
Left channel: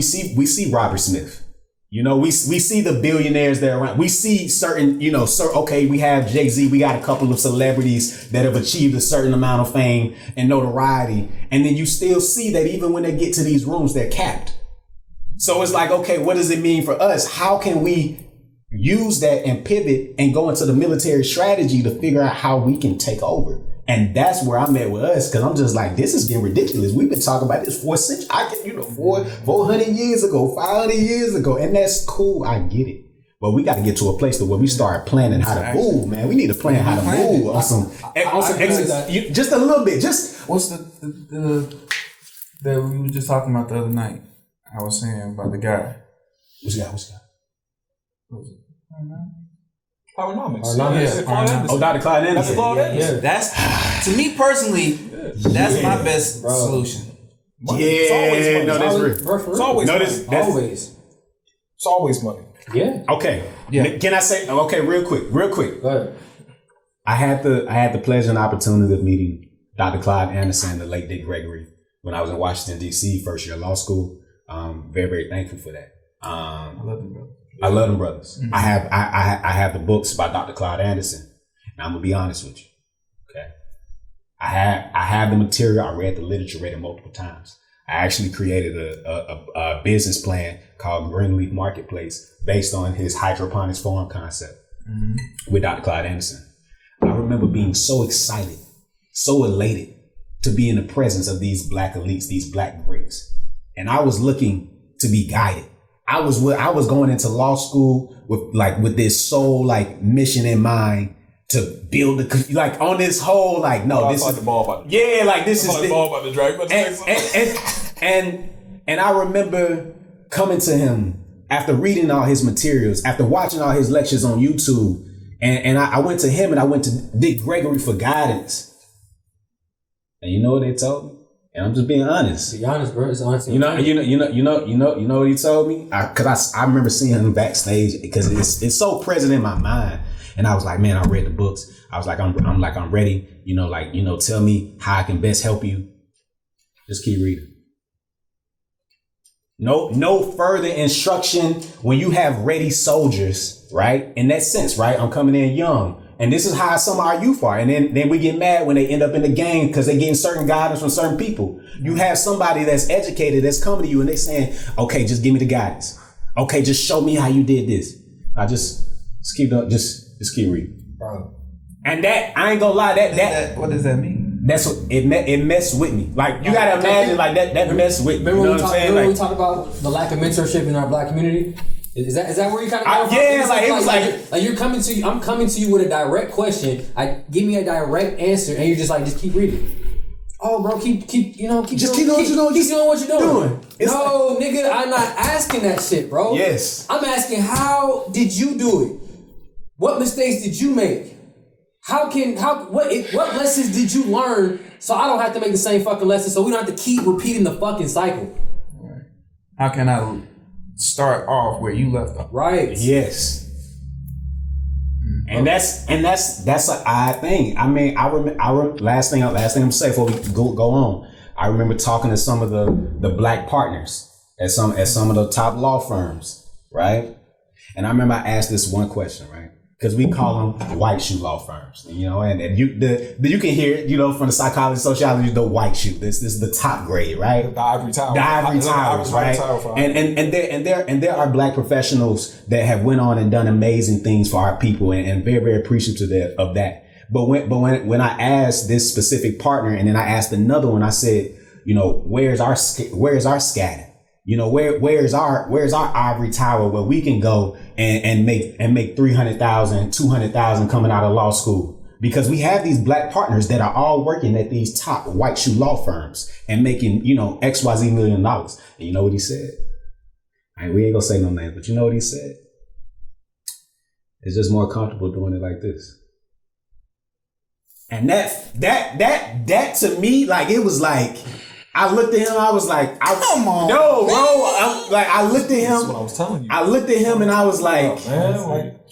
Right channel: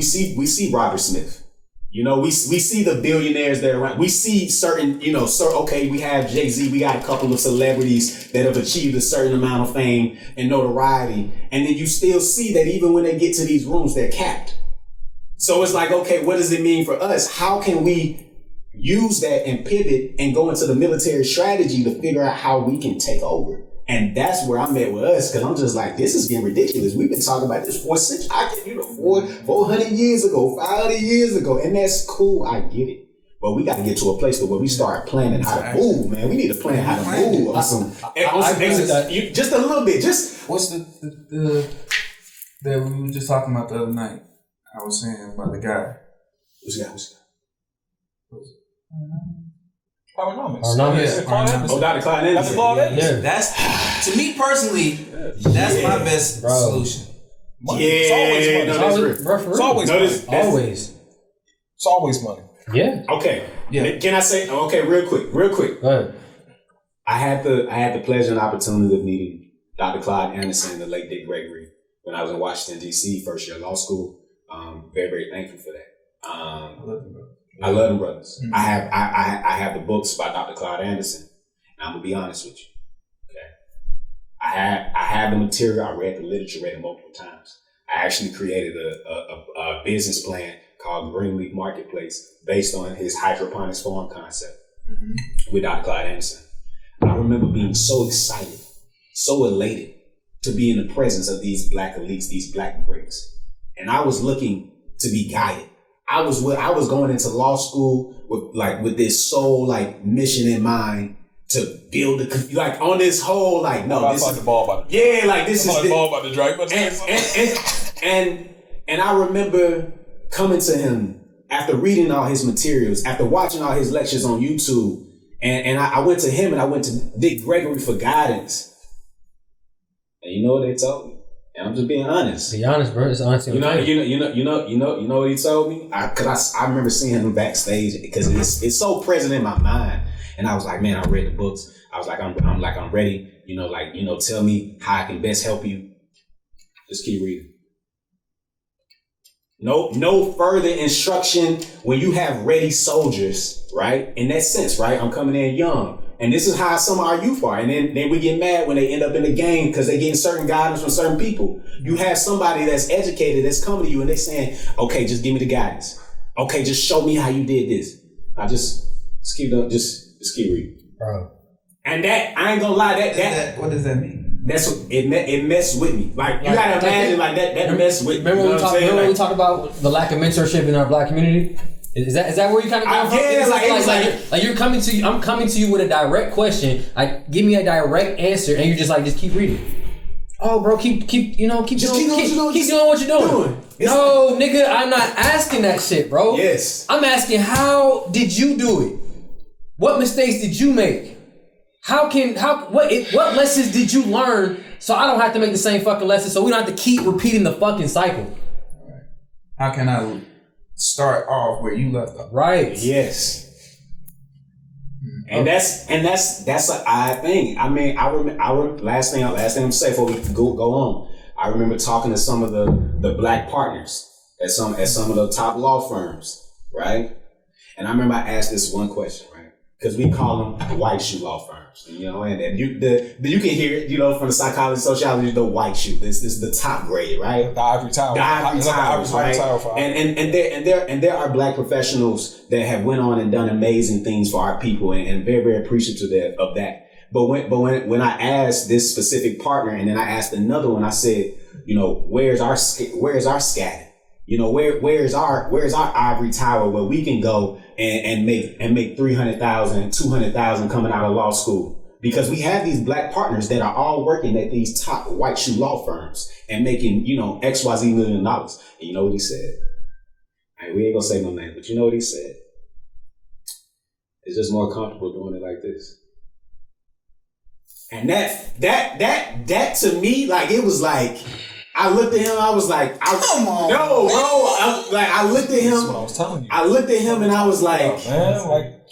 see Robert Smith. You know, we see the billionaires that are around. We see certain, you know, okay, we have Jay-Z. We got a couple of celebrities that have achieved a certain amount of fame and notoriety. And then you still see that even when they get to these rooms, they're capped. So it's like, okay, what does it mean for us? How can we use that and pivot and go into the military strategy to figure out how we can take over? And that's where I'm at with us, because I'm just like, this is getting ridiculous. We've been talking about this for 400 years ago, 500 years ago, and that's cool. I get it. But we got to get to a place where we start planning how to move, man. We need to plan how to move on some just a little bit. Just what's the that we were just talking about the other night? I was saying about the guy. Which guy? What was it? Powernomics. Oh, Dr. Clyde Anderson. That's Claude Anderson. Yeah. That's, to me personally, that's my best solution. Money. It's always money. No, that's real. It's always money. Always. It's always money. Yeah. Okay. Yeah. Can I say? Okay, real quick. Go ahead. I had the pleasure and opportunity of meeting Dr. Clyde Anderson and the late Dick Gregory when I was in Washington D.C. first year law school. Very, very thankful for that. I love them, bro. I love them brothers. Mm-hmm. I have the books by Dr. Clyde Anderson. And I'm gonna be honest with you. Okay. I have the material. I read the literature, read it multiple times. I actually created a business plan called Greenleaf Marketplace based on his hydroponics farm concept with Dr. Clyde Anderson. I remember being so excited, so elated to be in the presence of these Black elites, these Black greats. And I was looking to be guided. I was going into law school with this sole mission in mind to build on this whole no. This is the ball about this is the ball about the drag. And I remember coming to him after reading all his materials, after watching all his lectures on YouTube, and I went to him and I went to Dick Gregory for guidance. And you know what they told me? And I'm just being honest. Be honest, bro. It's honest. You know what he told me? Because I remember seeing him backstage because it's so present in my mind. And I was like, man, I read the books. I was like, I'm ready. Tell me how I can best help you. Just keep reading. No further instruction when you have ready soldiers, right? In that sense, right? I'm coming in young. And this is how some of our youth are. And then we get mad when they end up in the gang because they getting certain guidance from certain people. You have somebody that's educated that's coming to you and they saying, okay, just give me the guidance. Okay, just show me how you did this. I just keep reading. Bro. And that, I ain't gonna lie, that what does that mean? That's what it messed with me. Like you gotta imagine like that messed with me. Remember when we talked about the lack of mentorship in our Black community? Is that where you kind of come from? Yeah, it was like you're coming to you. I'm coming to you with a direct question. Give me a direct answer, and you're just keep reading. Oh, bro, keep doing what you're doing. No, nigga, I'm not asking that shit, bro. Yes, I'm asking how did you do it? What mistakes did you make? What lessons did you learn so I don't have to make the same fucking lessons, so we don't have to keep repeating the fucking cycle? Right. How can I start off where you left off? Right. Yes. And that's an odd thing. I mean, I remember last thing I'm gonna say before we go on. I remember talking to some of the Black partners at some of the top law firms, right? And I remember I asked this one question, right? Because we call them white shoe law firms, and you can hear it, from the psychology, sociology, the white shoe. This is the top grade, right? The ivory tower. The ivory towers, right? And there are Black professionals that have went on and done amazing things for our people, and very, very appreciative of that. But when I asked this specific partner, and then I asked another one, I said, where's our scat? Where's our ivory tower where we can go and make 300,000, 200,000 coming out of law school? Because we have these Black partners that are all working at these top white shoe law firms and making, XYZ $1 million. And you know what he said? We ain't gonna say no name, but you know what he said? It's just more comfortable doing it like this. And that to me, it was like, I looked at him. I was like, "Come on, no, bro." I looked at him. That's what I was telling you. I looked at him and I was like,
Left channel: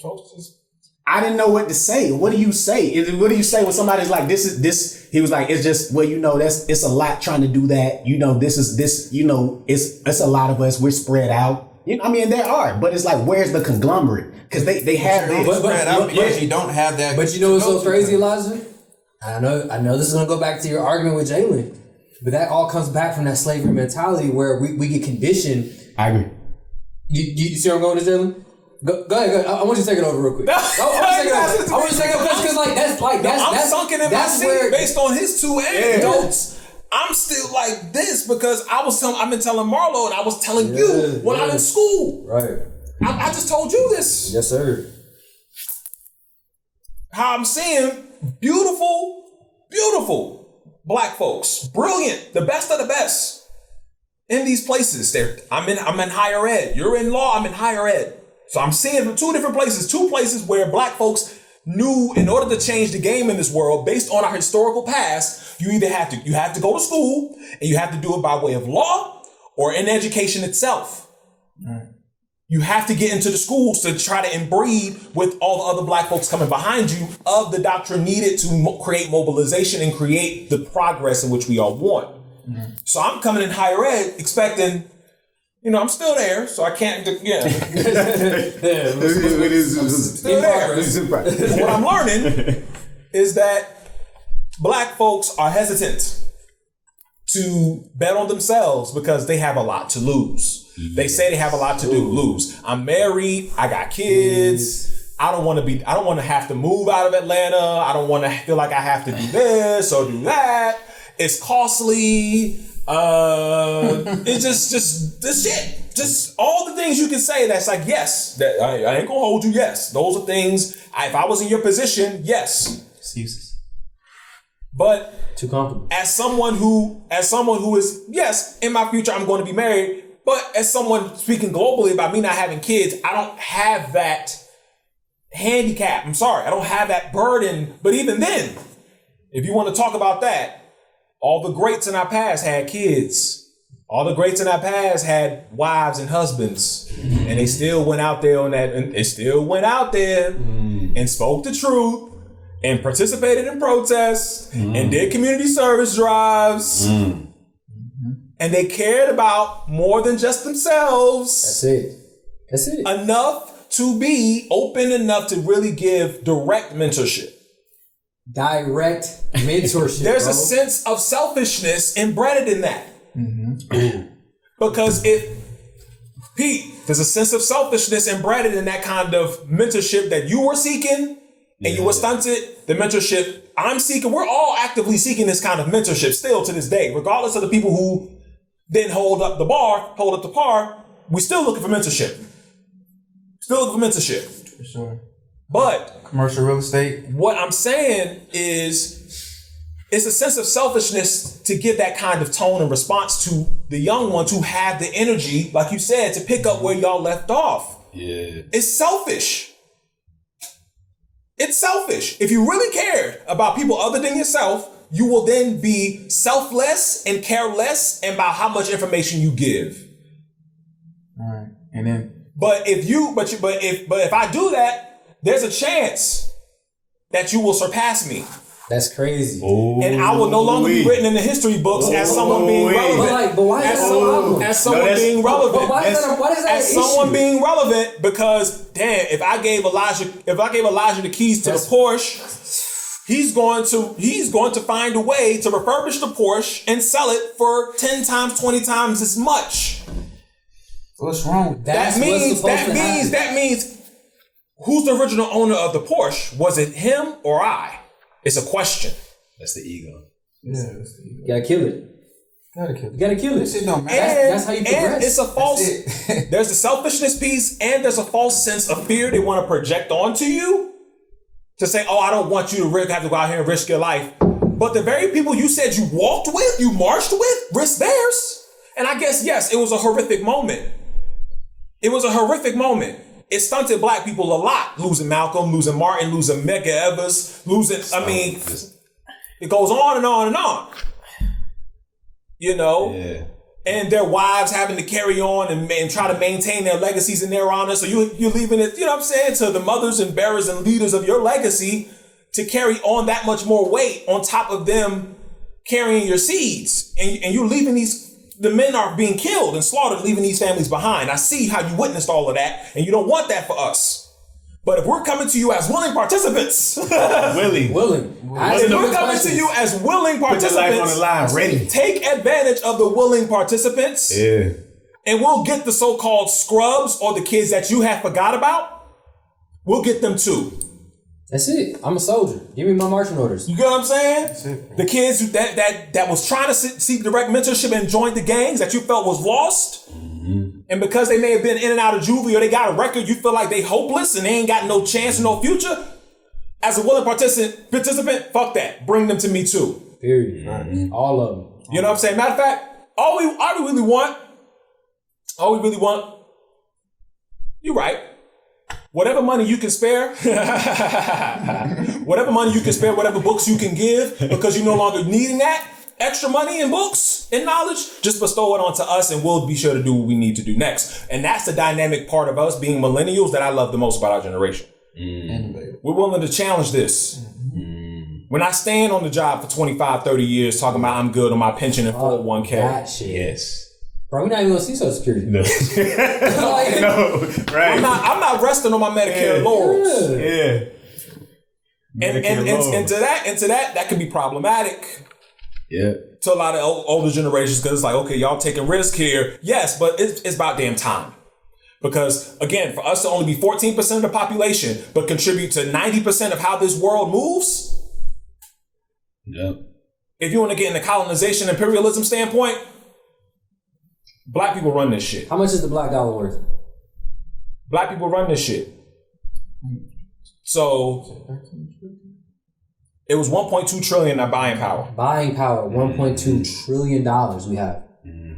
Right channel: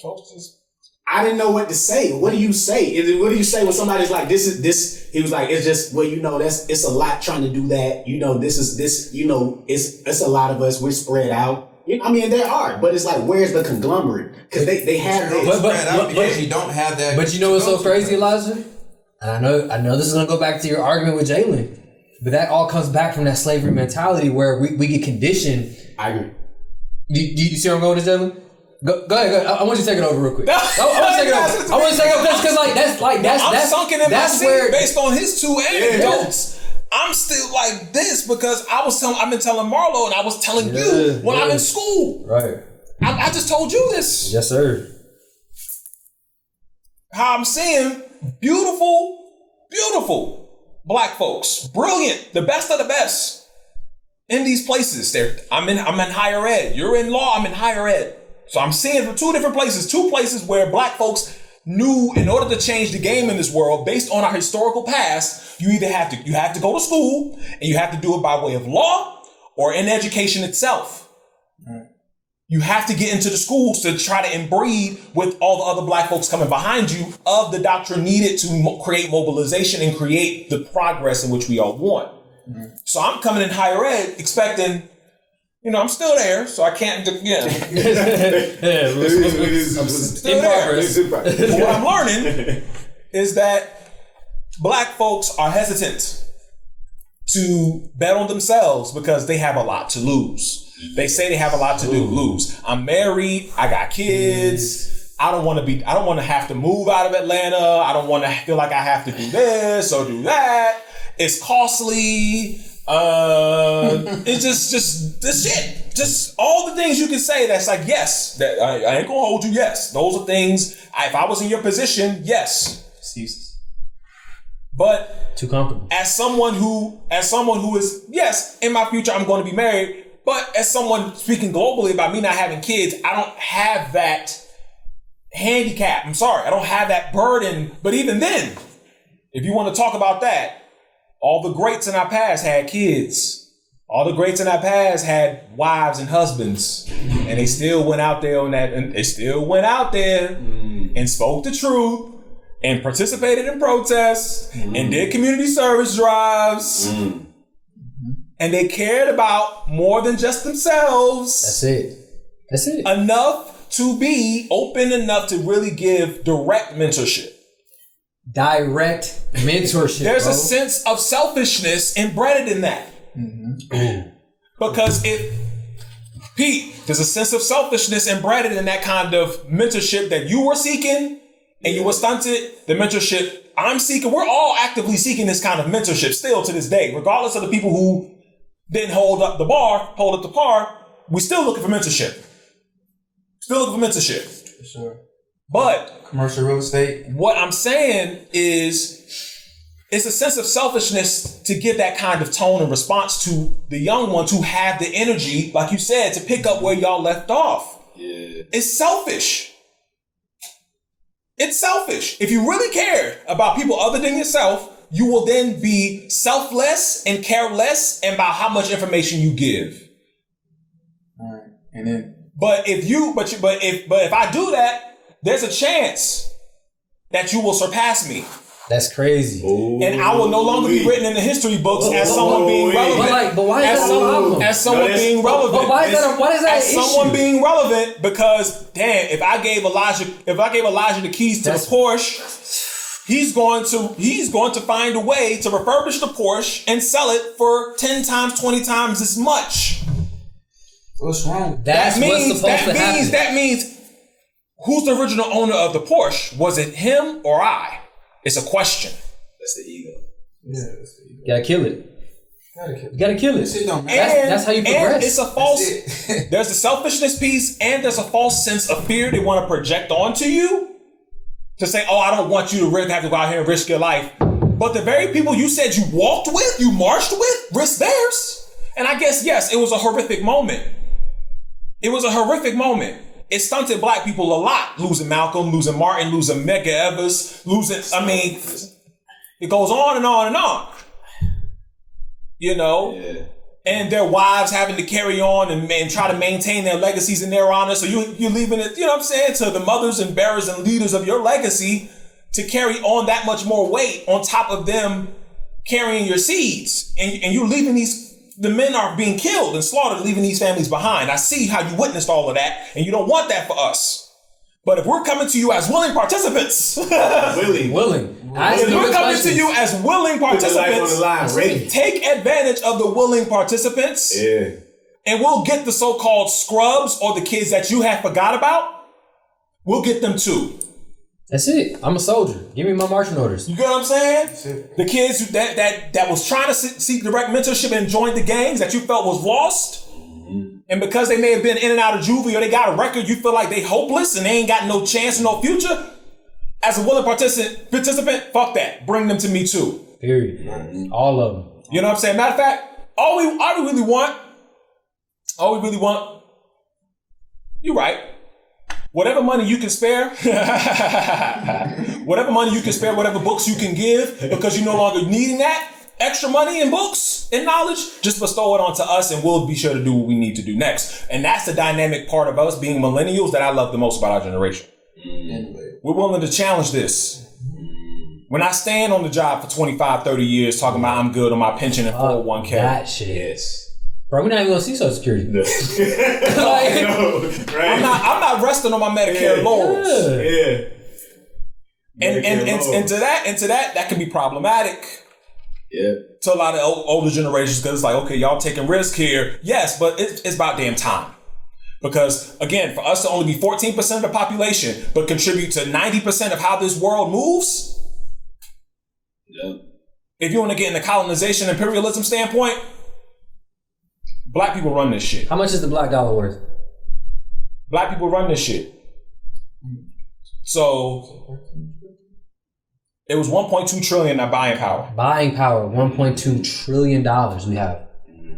folks just. I didn't know what to say. What do you say? What do you say when somebody's like, "This is this"? He was like, "It's just it's a lot trying to do that. It's a lot of us. We're spread out. There are, but it's like, where's the conglomerate? Because they have this. Spread out because you don't have that. But you know what's so crazy, Elijah? And I know this is gonna go back to your argument with Jalen. But that all comes back from that slavery mentality where we get conditioned. I agree. You see where I'm going with Jalen? Go ahead. I want you to take it over real quick. I want to take it over because I'm sunken in my seat based on his two anecdotes. Yeah. I'm still like this because I've been telling Marlo and I was telling you when I'm in school. Right. I just told you this. Yes, sir. How I'm seeing beautiful Black folks, brilliant, the best of the best in these places. I'm in higher ed. You're in law, I'm in higher ed. So I'm seeing from two places where Black folks knew in order to change the game in this world based on our historical past, you have to go to school and you have to do it by way of law or in education itself. Right. You have to get into the schools to try to inbreed with all the other Black folks coming behind you of the doctrine needed to create mobilization and create the progress in which we all want. Mm-hmm. So I'm coming in higher ed expecting, I'm still there, so I can't, still there. But what I'm learning is that Black folks are hesitant to bet on themselves because they have a lot to lose. They say they have a lot to lose. I'm married. I got kids. I don't want to have to move out of Atlanta. I don't want to feel like I have to do this or do that. It's costly. It's just this shit. Just all the things you can say that's like, yes, that I ain't gonna hold you. Yes, those are things. If I was in your position, yes. Excuses. But too comfortable. As someone who is, yes, in my future I'm going to be married. But as someone speaking globally about me not having kids, I don't have that handicap. I'm sorry, I don't have that burden. But even then, if you want to talk about that, all the greats in our past had kids. All the greats in our past had wives and husbands. And they still went out there and spoke the truth and participated in protests and did community service drives. And they cared about more than just themselves. That's it. Enough to be open enough to really give direct mentorship. Direct mentorship. There's a sense of selfishness embedded in that. Because there's a sense of selfishness embedded in that kind of mentorship that you were seeking and you were stunted. The mentorship I'm seeking, we're all actively seeking this kind of mentorship still to this day, regardless of the people who didn't hold up the par, we still looking for mentorship. For sure. But Commercial real estate. what I'm saying is it's a sense of selfishness to give that kind of tone and response to the young ones who have the energy, like you said, to pick up where y'all left off. Yeah. It's selfish. It's selfish. If you really cared about people other than yourself, you will then be selfless and care less about how much information you give. All right. And then But if I do that, there's a chance that you will surpass me. That's crazy. And I will no longer be written in the history books as someone being relevant. But why is that so problem? As someone being relevant. But why is that as an someone issue? being relevant, because damn, if I gave Elijah the keys to the Porsche, he's going to find a way to refurbish the Porsche and sell it for 10 times, 20 times as much. what's wrong with that? That means who's the original owner of the Porsche? Was it him or I? It's a question. That's the ego. Yeah, that's the ego. You gotta kill it. You gotta kill it. This shit don't matter. And That's how you progress. And it's a false. That's There's a selfishness piece, and there's a false sense of fear they want to project onto you to say, "Oh, I don't want you to have to go out here and risk your life." But the very people you said you walked with, you marched with, risked theirs. And I guess yes, it was a horrific moment. It was a horrific moment. It stunted black people a lot. Losing Malcolm, losing Martin, losing Medgar Evers, it goes on and on and on. You know? Yeah. And their wives having to carry on and try to maintain their legacies in their honor. So you're leaving it, you know what I'm saying, to the mothers and bearers and leaders of your legacy to carry on that much more weight on top of them carrying your seeds. And you're leaving the men are being killed and slaughtered, leaving these families behind. I see how you witnessed all of that, and you don't want that for us. But if we're coming to you as willing participants, Willing. if we're coming to you as willing Put your life on participants, the line, ready. take advantage of the willing participants, Yeah. and we'll get the so-called scrubs or the kids that you have forgot about. We'll get them too. That's it. I'm a soldier. Give me my marching orders. You get what I'm saying? The kids that was trying to seek direct mentorship and joined the gangs that you felt was lost. And because they may have been in and out of juvie or they got a record, you feel like they hopeless and they ain't got no chance, no future. As a willing participant, fuck that. Bring them to me too. Period. All of them. You know what I'm saying? Matter of fact, all we really want, you're right. Whatever money you can spare, whatever books you can give, because you're no longer needing that extra money and books and knowledge, just bestow it onto us and we'll be sure to do what we need to do next. And that's the dynamic part of us being millennials that I love the most about our generation. We're willing to challenge this. When I stand on the job for 25, 30 years talking about I'm good on my pension and 401k. That shit. Yes. Bro, we're not even gonna see Social Security. No. Like, No. Right. I'm not resting on my Medicare laurels. Yeah. And to that can be problematic. Yeah. To a lot of older generations, because it's like, okay, y'all taking risk here. Yes, but it's about damn time. Because again, for us to only be 14% of the population, but contribute to 90% of how this world moves. Yep. If you want to get in the colonization imperialism standpoint, black people run this shit. how much is the black dollar worth? Black people run this shit. So it was 1.2 trillion in buying power. Buying power, $1.2 trillion we have.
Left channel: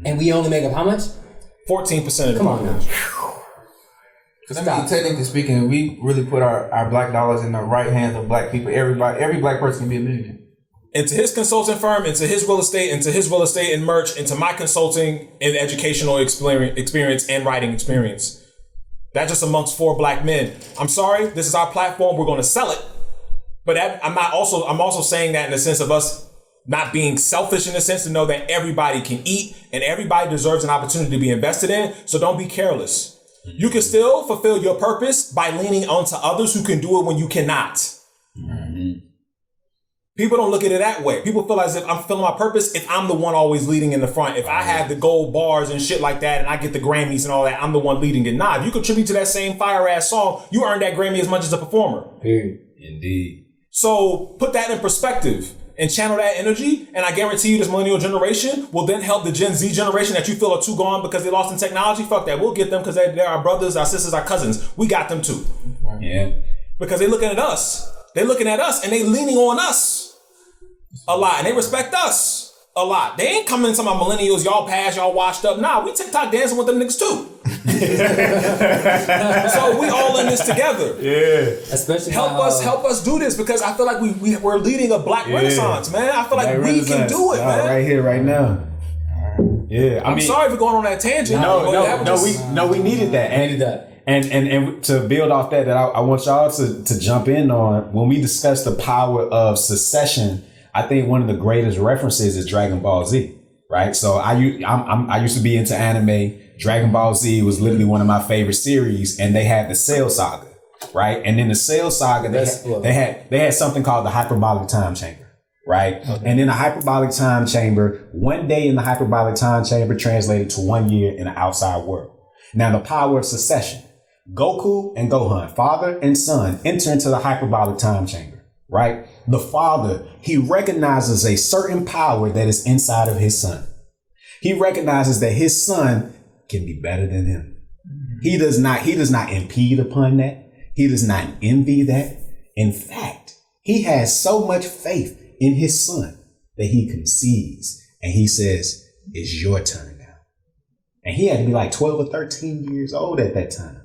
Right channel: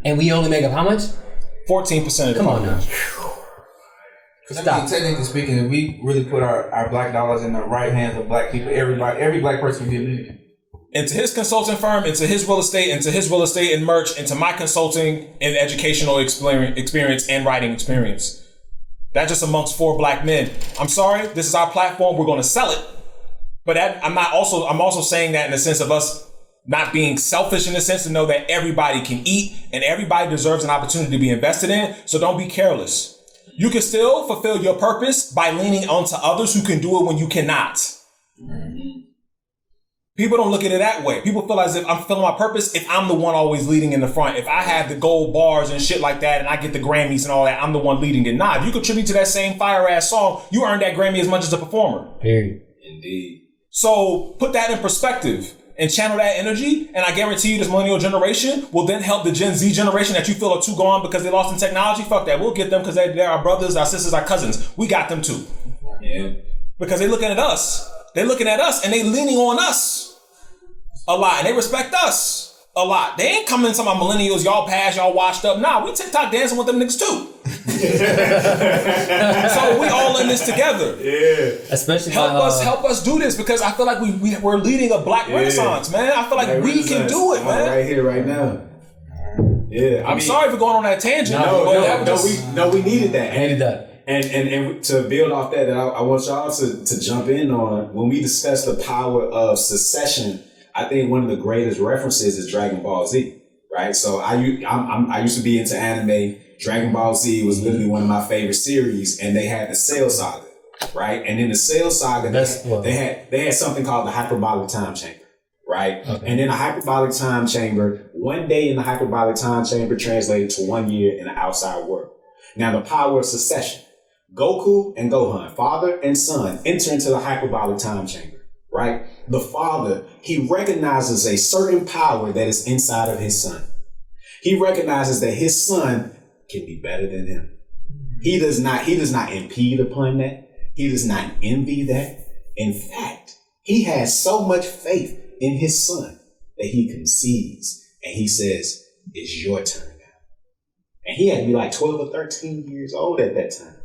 And we only make up how much? 14% of the Come on now. population. Because I mean, technically speaking, we really put our black dollars in the right hands of black people. Every black person can be a millionaire. Into his consulting firm, into his real estate, and merch, into my consulting and educational experience and writing experience. That's just amongst 4 black men. I'm sorry, this is our platform. We're going to sell it. But I'm also saying that in the sense of us not being selfish, in the sense to know that everybody can eat and everybody deserves an opportunity to be invested in. So don't be careless. You can still fulfill your purpose by leaning onto others who can do it when you cannot. People don't look at it that way. People feel as if I'm fulfilling my purpose if I'm the one always leading in the front. If I have the gold bars and shit like that and I get the Grammys and all that, I'm the one leading it. Nah, if you contribute to that same fire-ass song, you earned that Grammy as much as a performer. Period. Indeed. So put that in perspective and channel that energy, and I guarantee you this millennial generation will then help the Gen Z generation that you feel are too gone because they lost in technology. Fuck that. We'll get them because they're our brothers, our sisters, our cousins. We got them too. Yeah. Because they're looking at us. They're looking at us and they leaning on us a lot, and they respect us a lot. They ain't coming to my millennials, y'all past, y'all washed up. Nah, we TikTok dancing with them niggas too. So we all in this together. Yeah. Especially help us do this, because I feel like we're leading a black renaissance, man. I feel like we can do it, man. Right here, right now. Yeah. I'm sorry for going on that tangent. We needed that. I needed that. And to build off that, I want y'all to jump in on when we discuss the power of secession. I think one of the greatest references is Dragon Ball Z, right? So I used to be into anime. Dragon Ball Z was literally one of my favorite series, and they had the Cell Saga, right? And in the Cell Saga, they had something called the hyperbolic time chamber, right? Okay. And in the hyperbolic time chamber, one day in the hyperbolic time chamber translated to 1 year in the outside world. Now the power of secession. Goku and Gohan, father and son, enter into the hyperbolic time chamber. Right? The father, he recognizes a certain power that is inside of his son. He recognizes that his son can be better than him. He does not impede upon that. He does not envy that. In fact, he has so much faith in his son that he concedes and he says, it's your turn now. And he had to be like 12 or 13 years old at that time.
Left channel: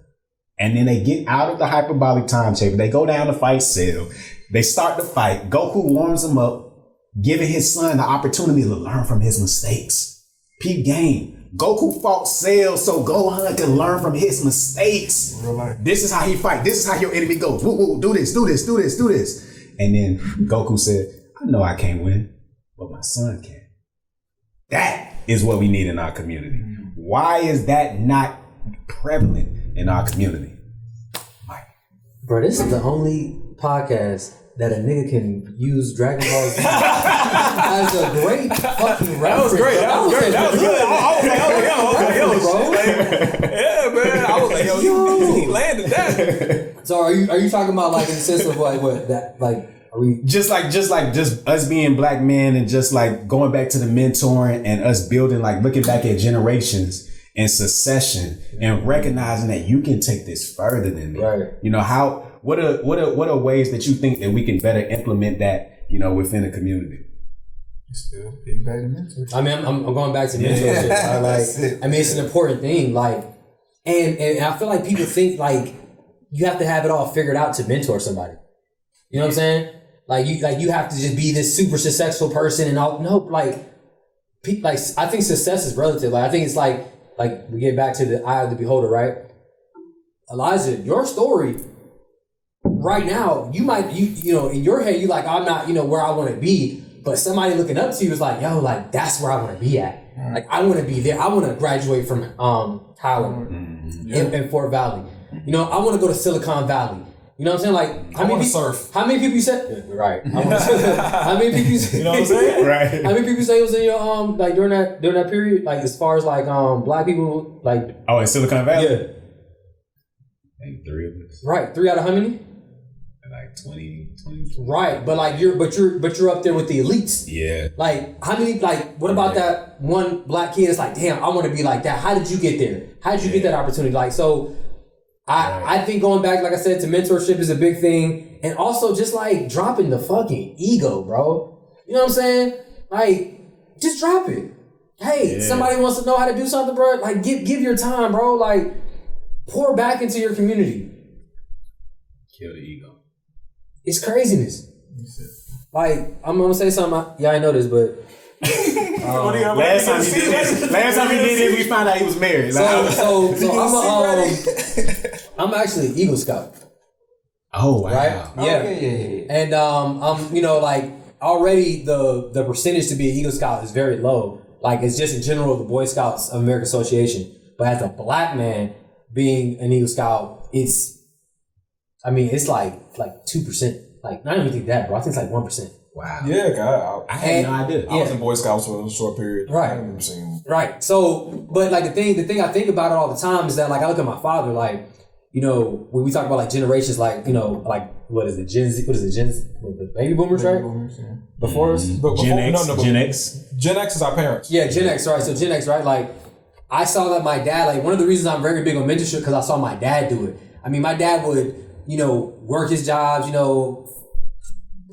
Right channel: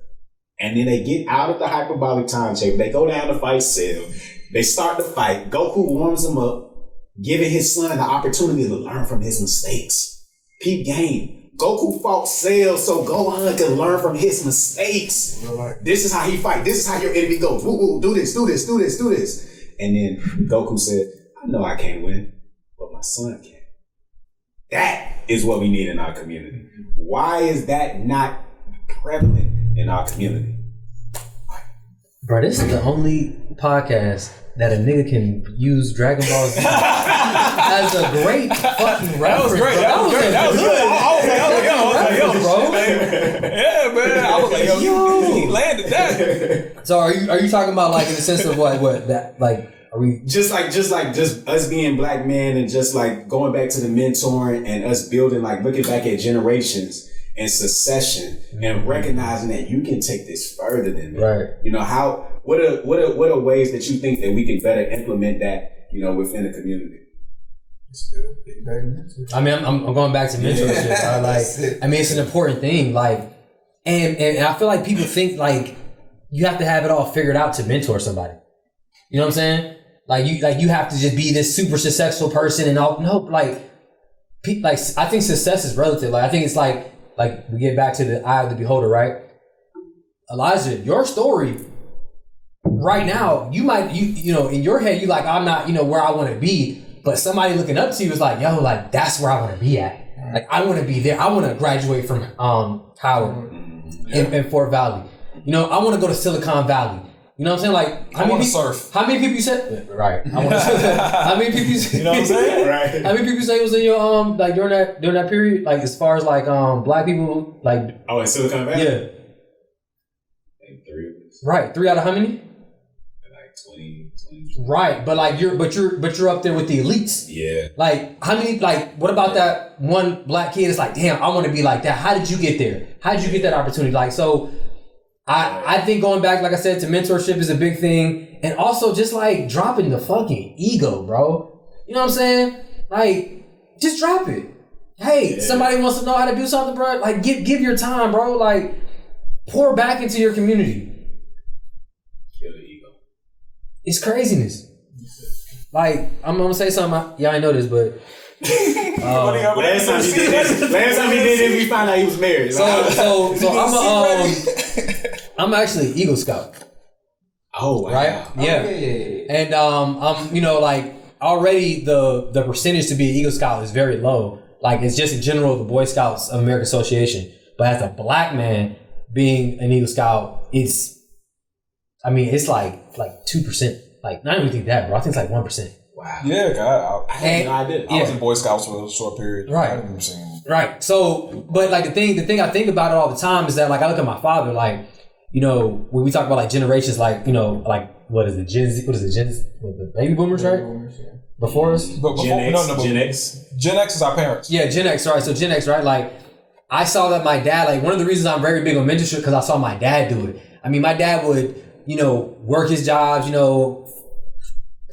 And then they get out of the hyperbolic time chamber. They go down to fight Cell. They start the fight. Goku warms him up, giving his son the opportunity to learn from his mistakes. Peep game. Goku fought Cell so Gohan can learn from his mistakes. This is how he fight. This is how your enemy goes. Woo, woo, do this, do this, do this, do this. And then Goku said, I know I can't win, but my son can. That is what we need in our community. Why is that not prevalent in our community? Bro, this is the only podcast that a nigga can use Dragon Ball Z as a great fucking reference. That was great. That was great. That was good. I was like, yo. Yeah, man. I was like, yo, he landed that. So are you talking about like in the sense of like what that like are we just us being black men and just like going back to the mentoring and us building, like looking back at generations and secession and recognizing that you can take this further than me. Right. You know, what are ways that you think that we can better implement that, you know, within the community? Still getting back to mentorship. I mean, I'm going back to mentorship. Yeah, like, I mean, it's an important thing. Like, and I feel like people think like you have to have it all figured out to mentor somebody. You know what I'm saying? Like you have to just be this super successful person and all. No, like I think success is relative. Like I think it's like we get back to the eye of the beholder, right? Elijah, your story right now, you might you know in your head you like I'm not where I want to be, but somebody looking up to you is like, yo, like that's where I want to be at. Like I want to be there. I want to graduate from Howard in Fort Valley. You know, I want to go to Silicon Valley. You know what I'm saying? Like, I want to surf. How many people you said? Right. I want to surf. How many people you said? You know what I'm saying? Right. How many people you say was in your like during that period? Like as far as like black people like. Oh, in Silicon Valley. Yeah. Like 3 of us. Right. 3 out of how many? Like 20. Right, but like you're up there with the elites. Yeah. Like how many? Like what about that one black kid? It's like, damn, I want to be like that. How did you get there? How did you get that opportunity? Like so. I think going back, like I said, to mentorship is a big thing. And also just like dropping the fucking ego, bro. You know what I'm saying? Like, just drop it. Hey, somebody wants to know how to do something, bro. Like, give your time, bro. Like, pour back into your community. Kill the ego. It's craziness. Like, I'm gonna say something. I know this, but last time he did it, we found out he was married. So I'm actually an Eagle Scout. Oh wow! Right? Yeah. And I'm like already the percentage to be an Eagle Scout is very low. Like it's just in general the Boy Scouts of America Association. But as a black man, being an Eagle Scout, it's like 2%. Like, not even think that, bro. I think it's like 1%. Wow. Yeah, God, I had no idea. I was in Boy Scouts for a short period. Right. I remember seeing them. Right. So, but like the thing I think about it all the time is that like I look at my father, like, you know, when we talk about like generations, like, you know, like what is it, Gen Z? What is it, the baby boomers, right? Boomers, yeah. Before us? But before, Gen X, no, Gen X. Gen X is our parents. Yeah, Gen X, right? So Gen X, right? Like, I saw that my dad, like one of the reasons I'm very big on mentorship because I saw my dad do it. I mean, my dad would, you know, work his jobs, you know,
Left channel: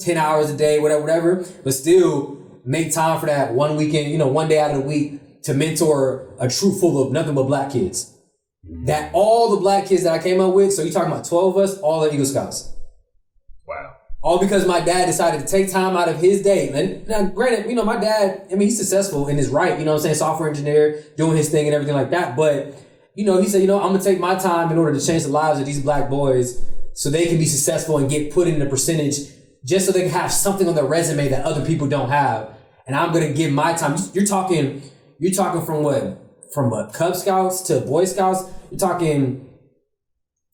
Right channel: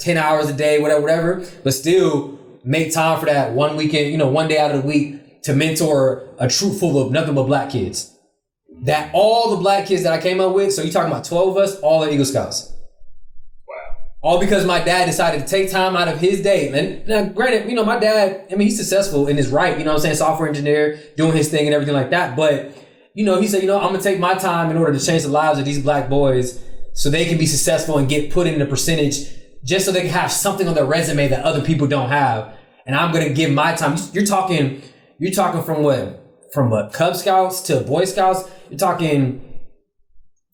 10 hours a day, whatever, but still make time for that one weekend, you know, one day out of the week to mentor a troop full of nothing but black kids. That all the black kids that I came up with, so you're talking about 12 of us, all are Eagle Scouts. Wow. All because my dad decided to take time out of his day. And now, granted, you know, my dad, I mean, he's successful in his right, you know what I'm saying, software engineer, doing his thing and everything like that. But, you know, he said, you know, I'm going to take my time in order to change the lives of these black boys so they can be successful and get put in the percentage just so they can have something on their resume that other people don't have. And I'm going to give my time. You're talking from what? From what? Cub Scouts to Boy Scouts? You're talking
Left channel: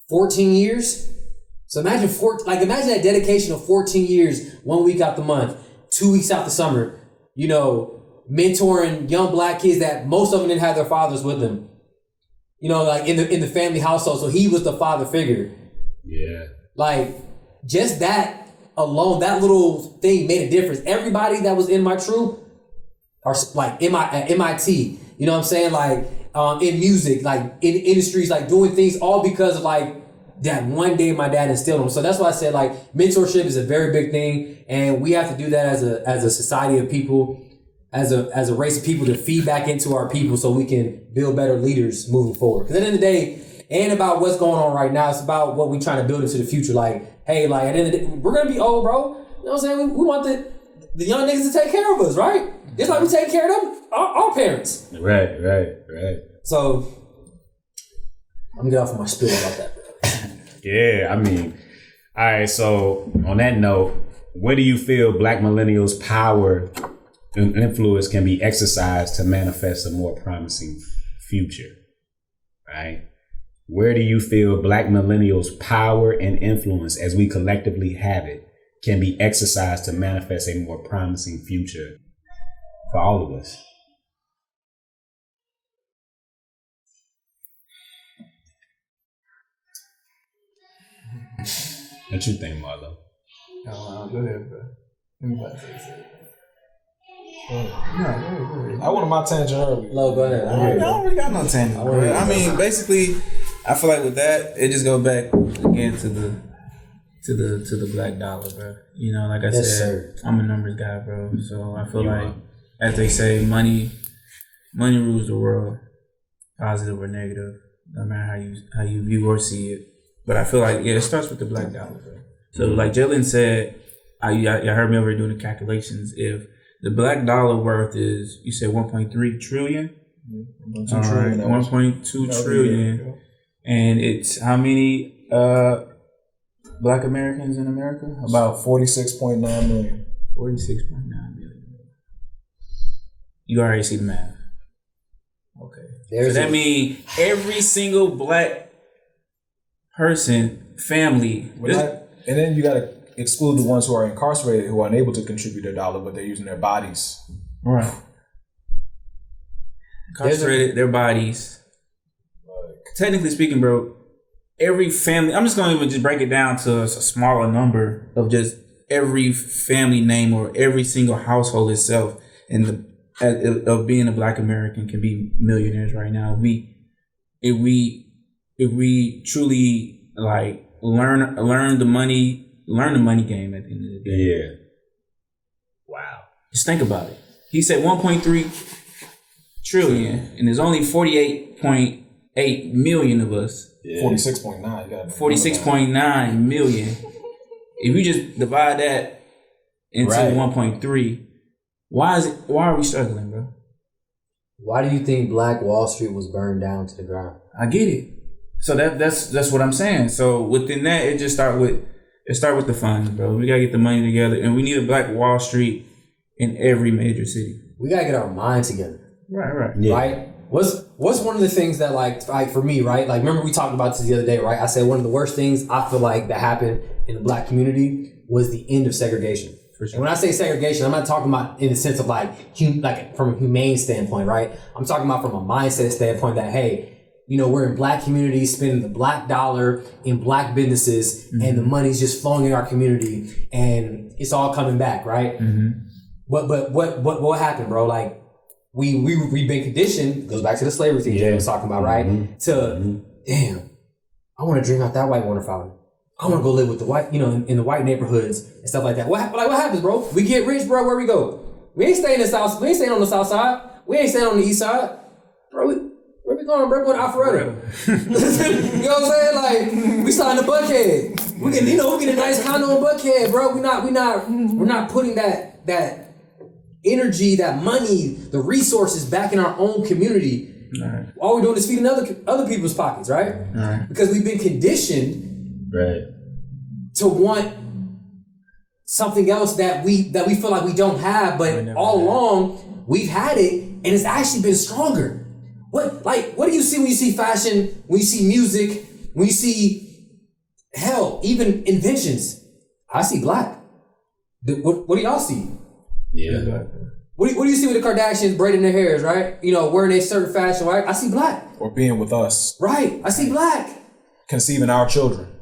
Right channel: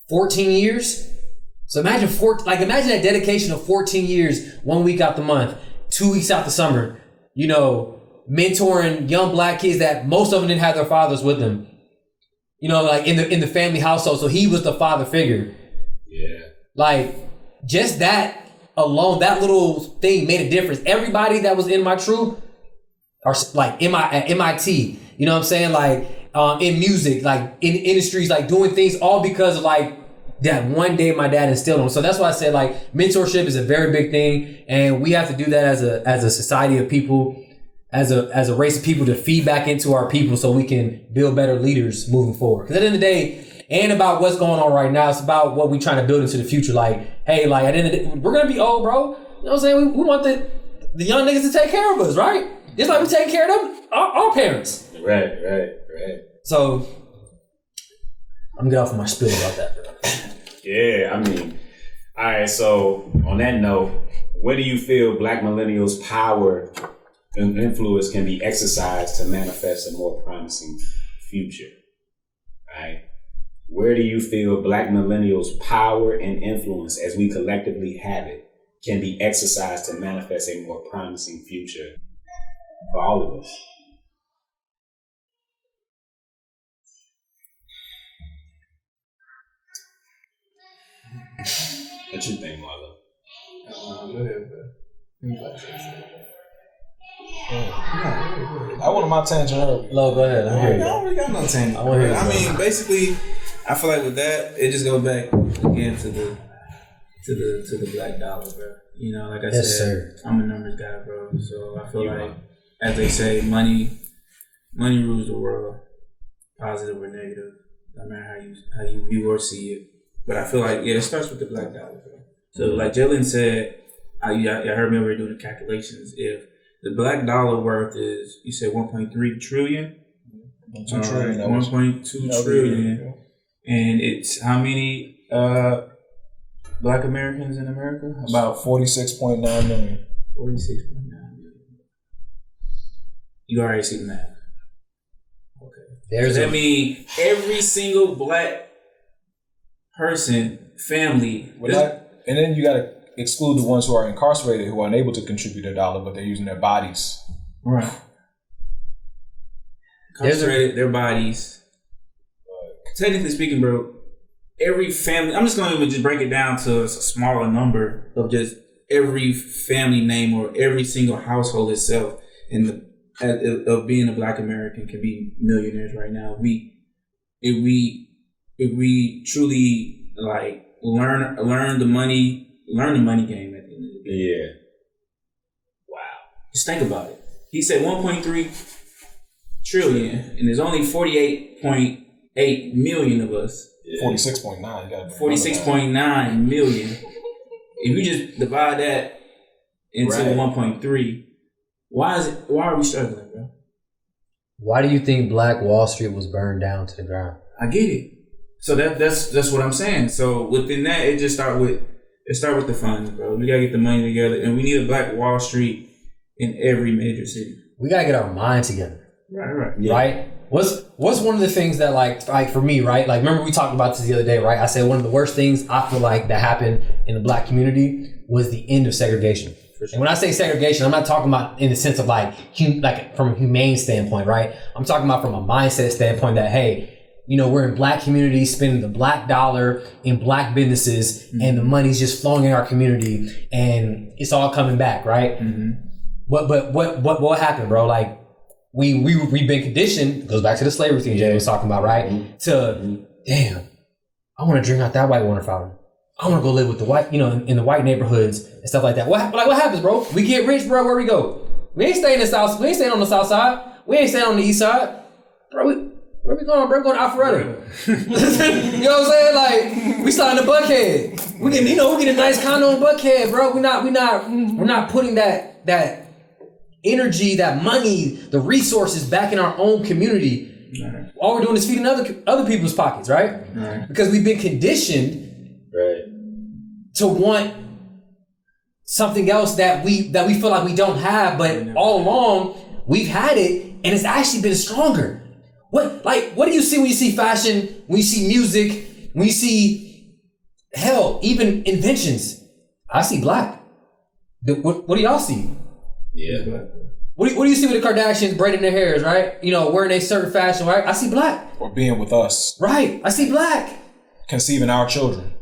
14 years? So imagine that dedication of 14 years, 1 week out the month, 2 weeks out the summer, you know, mentoring young black kids that most of them didn't have their fathers with them. You know, like in the family household. So he was the father figure. Yeah. Like just that alone, that little thing made a difference. Everybody that was in my troop are like at MIT, you know what I'm saying? Like in music, like in industries, like doing things all because of like that one day my dad instilled them. So that's why I said like mentorship is a very big thing, and we have to do that as a society of people, as a race of people to feed back into our people so we can build better leaders moving forward. Because at the end of the day, it ain't about what's going on right now. It's about what we're trying to build into the future. Like, hey, like at the end of the day, we're gonna be old, bro. You know what I'm saying? We want the young niggas to take care of us, right? Just like we take care of them, our parents. Right. So I'm getting off of my spiel about that, bro. Yeah, I mean, all right. So on that note, where do you feel Black millennials' power and influence can be exercised to manifest a more promising future? Right? Where do you feel Black millennials' power and influence, as we collectively have it, can be exercised to manifest a more promising future for all of us? What you think, Marlo? Go ahead, bro. Let me say something. Go ahead. I wanted my tangent earlier. No, go ahead. I don't really got no tangent. I mean, basically, I feel like with that, it just goes back again to the black dollar, bro. You know, like I said, sir. I'm a numbers guy, bro. So I feel like, as they say, money rules the world, positive or negative, no matter how you view or see it. But I feel like, it starts with the black dollar, bro. So like Jalen said, you heard me over here doing the calculations. If the black dollar worth is, you said 1.3 trillion? 1.2 trillion. 1.2 trillion. And it's how many black Americans in America? About 46.9 million. 46.9 million. You already see the math. Okay. So that means every single black person, family. And then you got to exclude the ones who are incarcerated, who are unable to contribute a dollar, but they're using their bodies. Right. Incarcerated, their bodies. Technically speaking, bro, every family, I'm just going to even just break it down to a smaller number of just every family name or every single household itself of being a black American can be millionaires right now. If we truly like learn the money game at the end of the day. Yeah. Wow. Just think about it. He said 1.3 trillion, and there's only 48.8 million of us. Yeah. 46.9. You got 46.9 million. If you just divide that into 1.3, why are we struggling, bro? Why do you think Black Wall Street was burned down to the ground? I get it. So that's what I'm saying. So within that, it start with the funds, bro. We gotta get the money together, and we need a Black Wall Street in every major city. We gotta get our mind together. Right. Yeah. Right? what's one of the things that like for me, right? Like, remember we talked about this the other day, right? I said one of the worst things I feel like that happened in the Black community was the end of segregation. For sure. And when I say segregation, I'm not talking about in the sense of like from a humane standpoint, right? I'm talking about from a mindset standpoint that, hey, you know, we're in Black communities spending the Black dollar in Black businesses, and the money's just flowing in our community, and it's all coming back, right? But what happened, bro? Like we've been conditioned. It goes back to the slavery thing Jay was talking about, right? To damn, I want to drink out that white water fountain. I want to go live with the white, you know, in the white neighborhoods and stuff like that. What happens, bro? We get rich, bro. Where we go? We ain't staying in the south. We ain't staying on the south side. We ain't staying on the east side, bro. Where we going, bro? We're going to Alpharetta. You know what I'm saying? Like, we starting to Buckhead. We get a nice condo in Buckhead, bro. We're not putting that energy, that money, the resources back in our own community. Right. All we're doing is feeding other people's pockets, right? Right. Because we've been conditioned, right, to want something else that we feel like we don't have, but all along we've had it, and it's actually been stronger. What do you see when you see fashion, when you see music, when you see, hell, even inventions? I see Black. What do y'all see? Yeah. What do you see with the Kardashians braiding their hairs, right? You know, wearing a certain fashion, right? I see Black. Or being with us. Right. I see Black. Conceiving our children.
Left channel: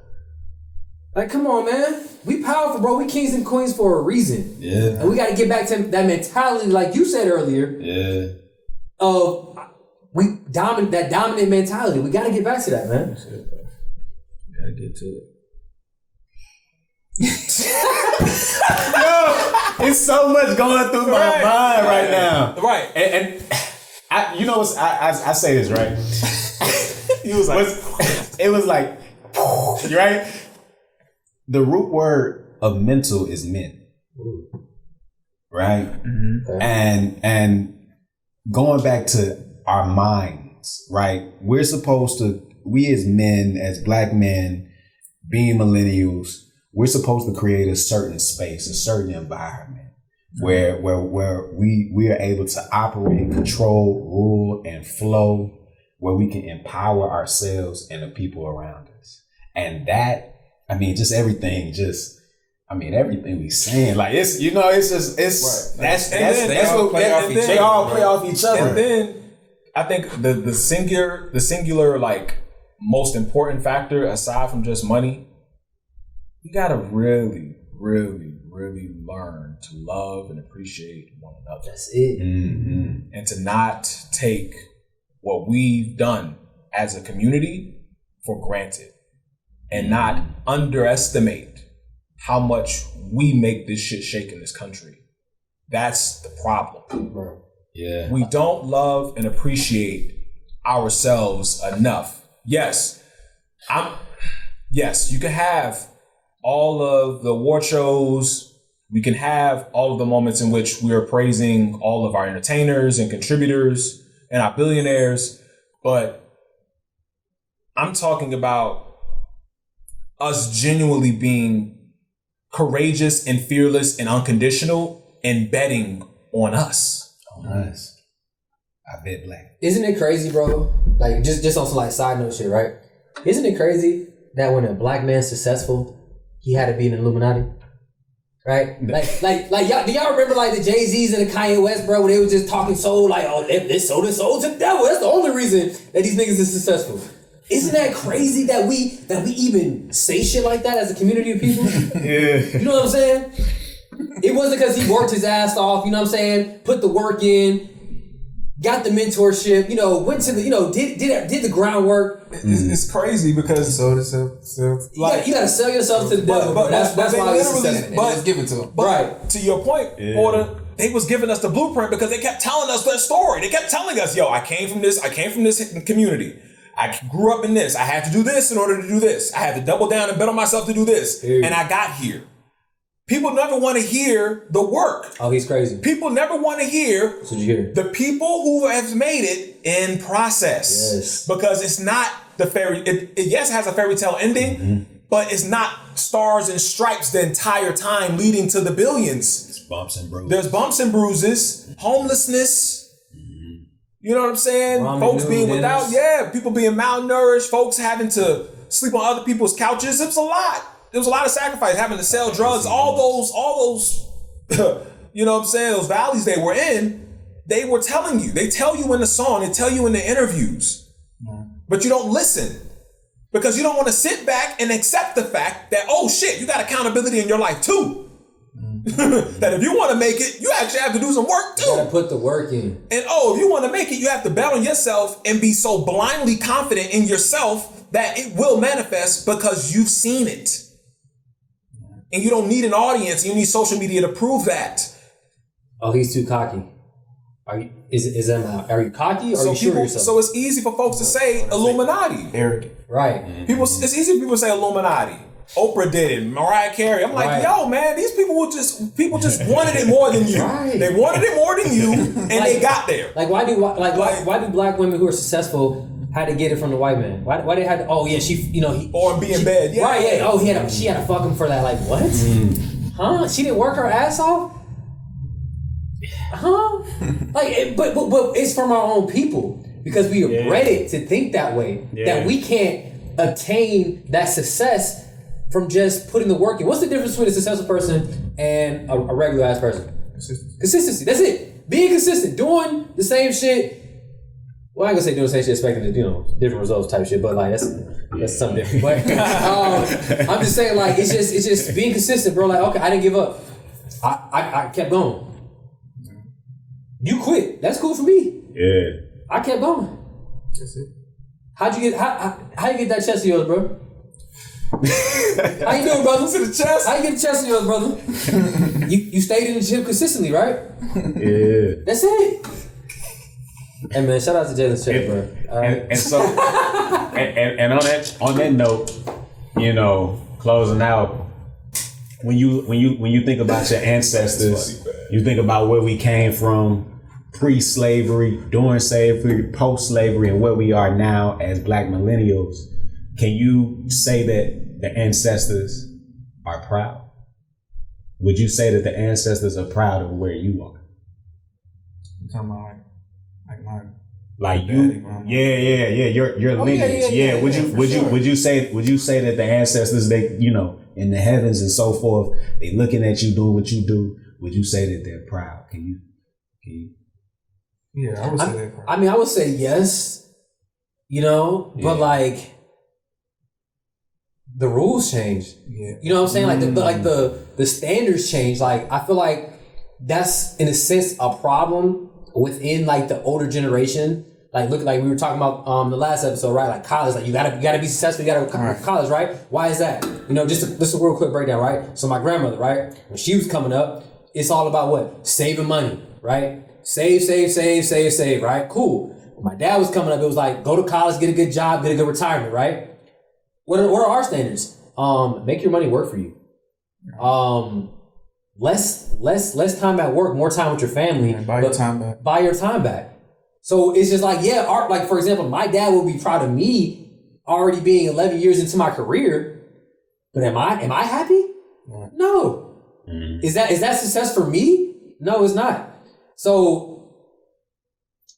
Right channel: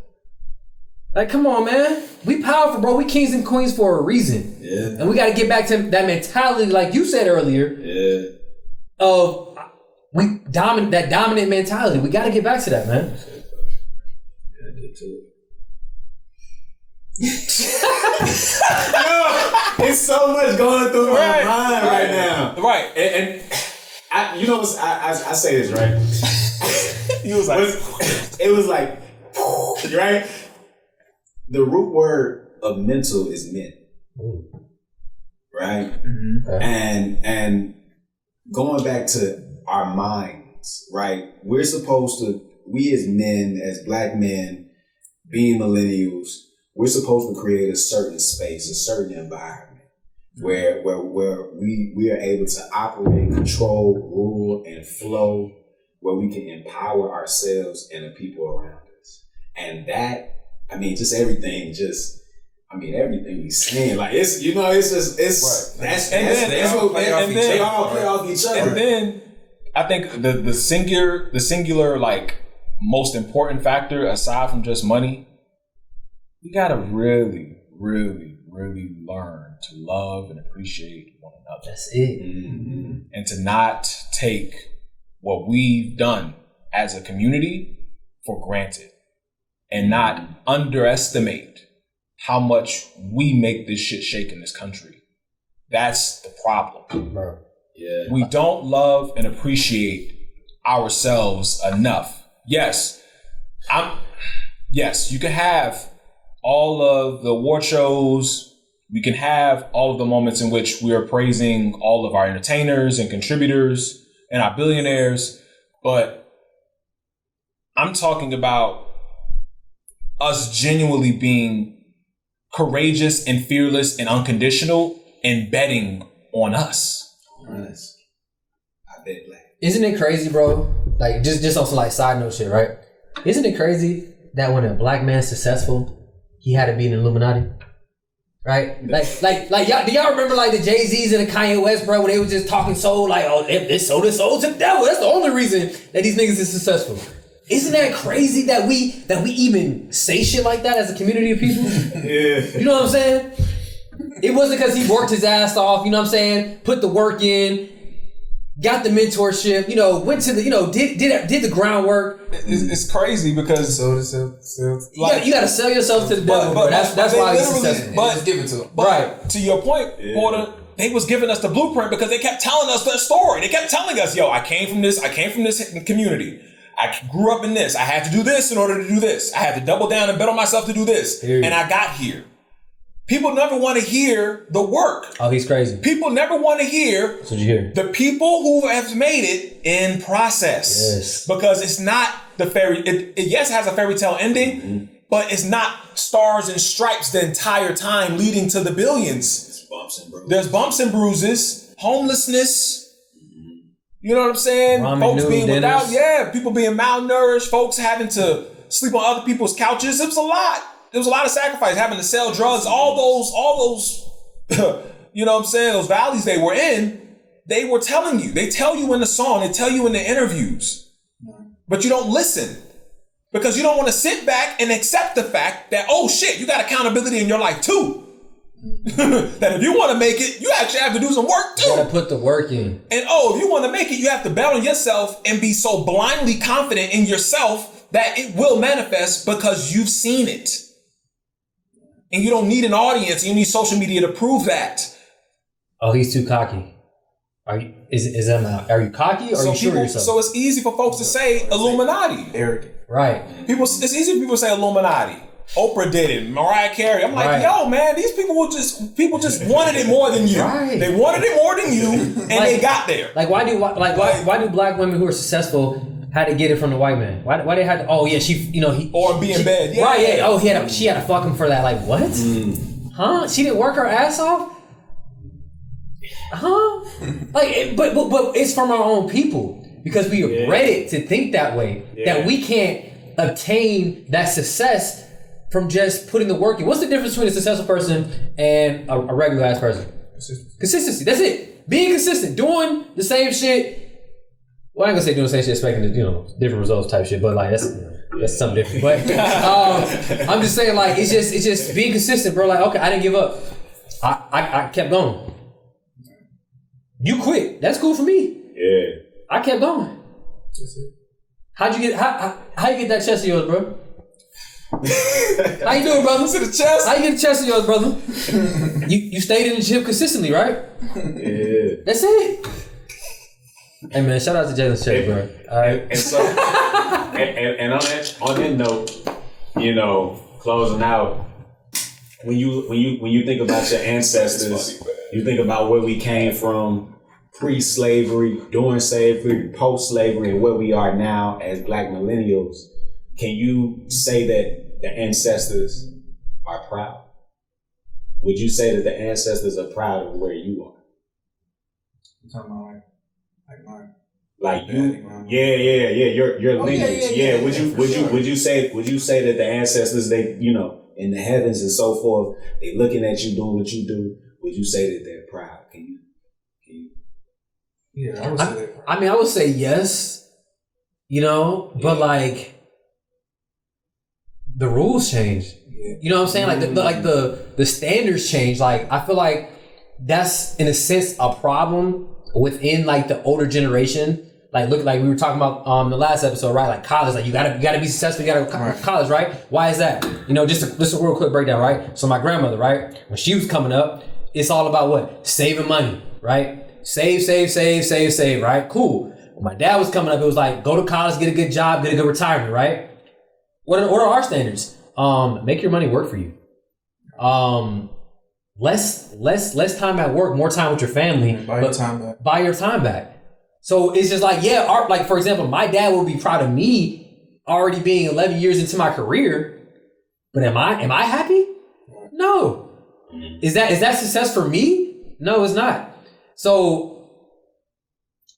Like, come on, man. We powerful, bro. We kings and queens for a reason. Yeah. And we got to get back to that mentality, like you said earlier. Yeah. Of that dominant mentality. We got to get back to that, man. Gotta get to it. Yo, it's so much going through my mind right now. Right. And I, you know, I say this, right? It was like, right? The root word of mental is men. Right? Mm-hmm. Okay. And going back to our minds, right? We as men, as Black men, being millennials, we're supposed to create a certain space, a certain environment where we are able to operate, control, rule, and flow, where we can empower ourselves and the people around us. And that, I mean, just everything we saying, like, it's, you know, it's just, it's, right. They all play off each other. And then I think the singular, like, most important factor aside from just money, we gotta really, really, really learn to love and appreciate one another. That's it. Mm-hmm. And to not take what we've done as a community for granted, and not underestimate how much we make this shit shake in this country. That's the problem. Bro. Yeah. We don't love and appreciate ourselves enough. Yes, you can have all of the award shows. We can have all of the moments in which we are praising all of our entertainers and contributors and our billionaires. But I'm talking about us genuinely being courageous and fearless and unconditional and betting on us. Nice. I bet Black. Isn't it crazy, bro? Like, just on some like side note shit, right? Isn't it crazy that when a Black man's successful, he had to be in the Illuminati? Right? Like y'all, do y'all remember like the Jay-Z's and the Kanye West, bro, when they was just talking soul, like, oh, they sold their soul to the devil. That's the only reason that these niggas is successful. Isn't that crazy that we even say shit like that as a community of people? Yeah. You know what I'm saying? It wasn't because he worked his ass off, you know what I'm saying? Put the work in, got the mentorship, you know, went to the, you know, did the groundwork. It's crazy because like, you gotta sell yourself to the devil. But that's why it's successful. But just give it to him. But right. To your point, Porter, they was giving us the blueprint because they kept telling us their story. They kept telling us, yo, I came from this community. I grew up in this. I had to do this in order to do this. I had to double down and bet on myself to do this. And I got here. People never want to hear the work. Oh, he's crazy. People never want to hear the people who have made it in process. Yes. Because it's not the it has a fairy tale ending, but it's not stars and stripes the entire time leading to the billions. There's bumps and bruises. There's bumps and bruises, homelessness, You know what I'm saying? Ramen Folks noodle being without, dinners. people being malnourished, folks having to sleep on other people's couches. It was a lot. There was a lot of sacrifice, having to sell drugs, all those, you know what I'm saying? Those valleys they were in, they were telling you. They tell you in the song, they tell you in the interviews, but you don't listen because you don't want to sit back and accept the fact that, oh shit, you got accountability in your life too. That if you want to make it, you actually have to do some work too. You gotta put the work in. And if you want to make it, you have to bet on yourself and be so blindly confident in yourself that it will manifest because you've seen it. And you don't need an audience, you need social media to prove that. Oh, he's too cocky. Are you are you cocky or are you sure of yourself? So it's easy for folks to say Illuminati. Arrogant. Right. It's easy for people to say Illuminati. Oprah did it, Mariah Carey. I'm like, yo, man, these people just wanted it more than you. Right. They wanted it more than you, and they got there. Like, why do black women who are successful had to get it from the white man? Why they had to? Oh yeah, Or be in bed. Yeah. Right. Yeah. Oh, she had to fuck him for that. Like what? Huh? She didn't work her ass off. Huh? But it's from our own people because we are bred to think that way. Yeah. That we can't obtain that success from just putting the work in. What's the difference between a successful person and a regular ass person? Consistency. That's it. Being consistent, doing the same shit. Well, I ain't gonna say doing the same shit, expecting different results type shit, but like that's something different. But I'm just saying, like it's just being consistent, bro. Like, okay, I didn't give up. I kept going. You quit. That's cool for me. Yeah. I kept going. That's it. How you get that chest of yours, bro? How you doing, brother? To the chest. How you get the chest of yours, brother? you stayed in the gym consistently, right? Yeah. That's it. Hey man, shout out to Jalen Shea, bro. All right. And so, and on that note, closing out, when you think about your ancestors, you think about where we came from, pre-slavery, during slavery, post-slavery, and where we are now as Black millennials. Can you say that the ancestors are proud? Would you say that the ancestors are proud of where you are? I'm talking about like mine. Like you, yeah, your lineage, yeah. Would you say that the ancestors, they, in the heavens and so forth, they looking at you doing what you do? Would you say that they're proud? Can you? Yeah, I would say they're proud. I mean, I would say yes, but like the rules change. Yeah. You know what I'm saying? Like the standards change. Like I feel like that's in a sense a problem within like the older generation. Like look, like we were talking about the last episode, right? Like college, like you gotta be successful, you gotta go to college, right? Why is that? Just a real quick breakdown, right? So my grandmother, right, when she was coming up, it's all about what? Saving money, right? Save, right? Cool. When my dad was coming up, it was like go to college, get a good job, get a good retirement, right? What are our standards? Make your money work for you. Less time at work, more time with your family. Buy your time back. Buy your time back. So it's just like, like for example, my dad would be proud of me already being 11 years into my career, but am I happy? No. Mm-hmm. Is that success for me? No, it's not. So,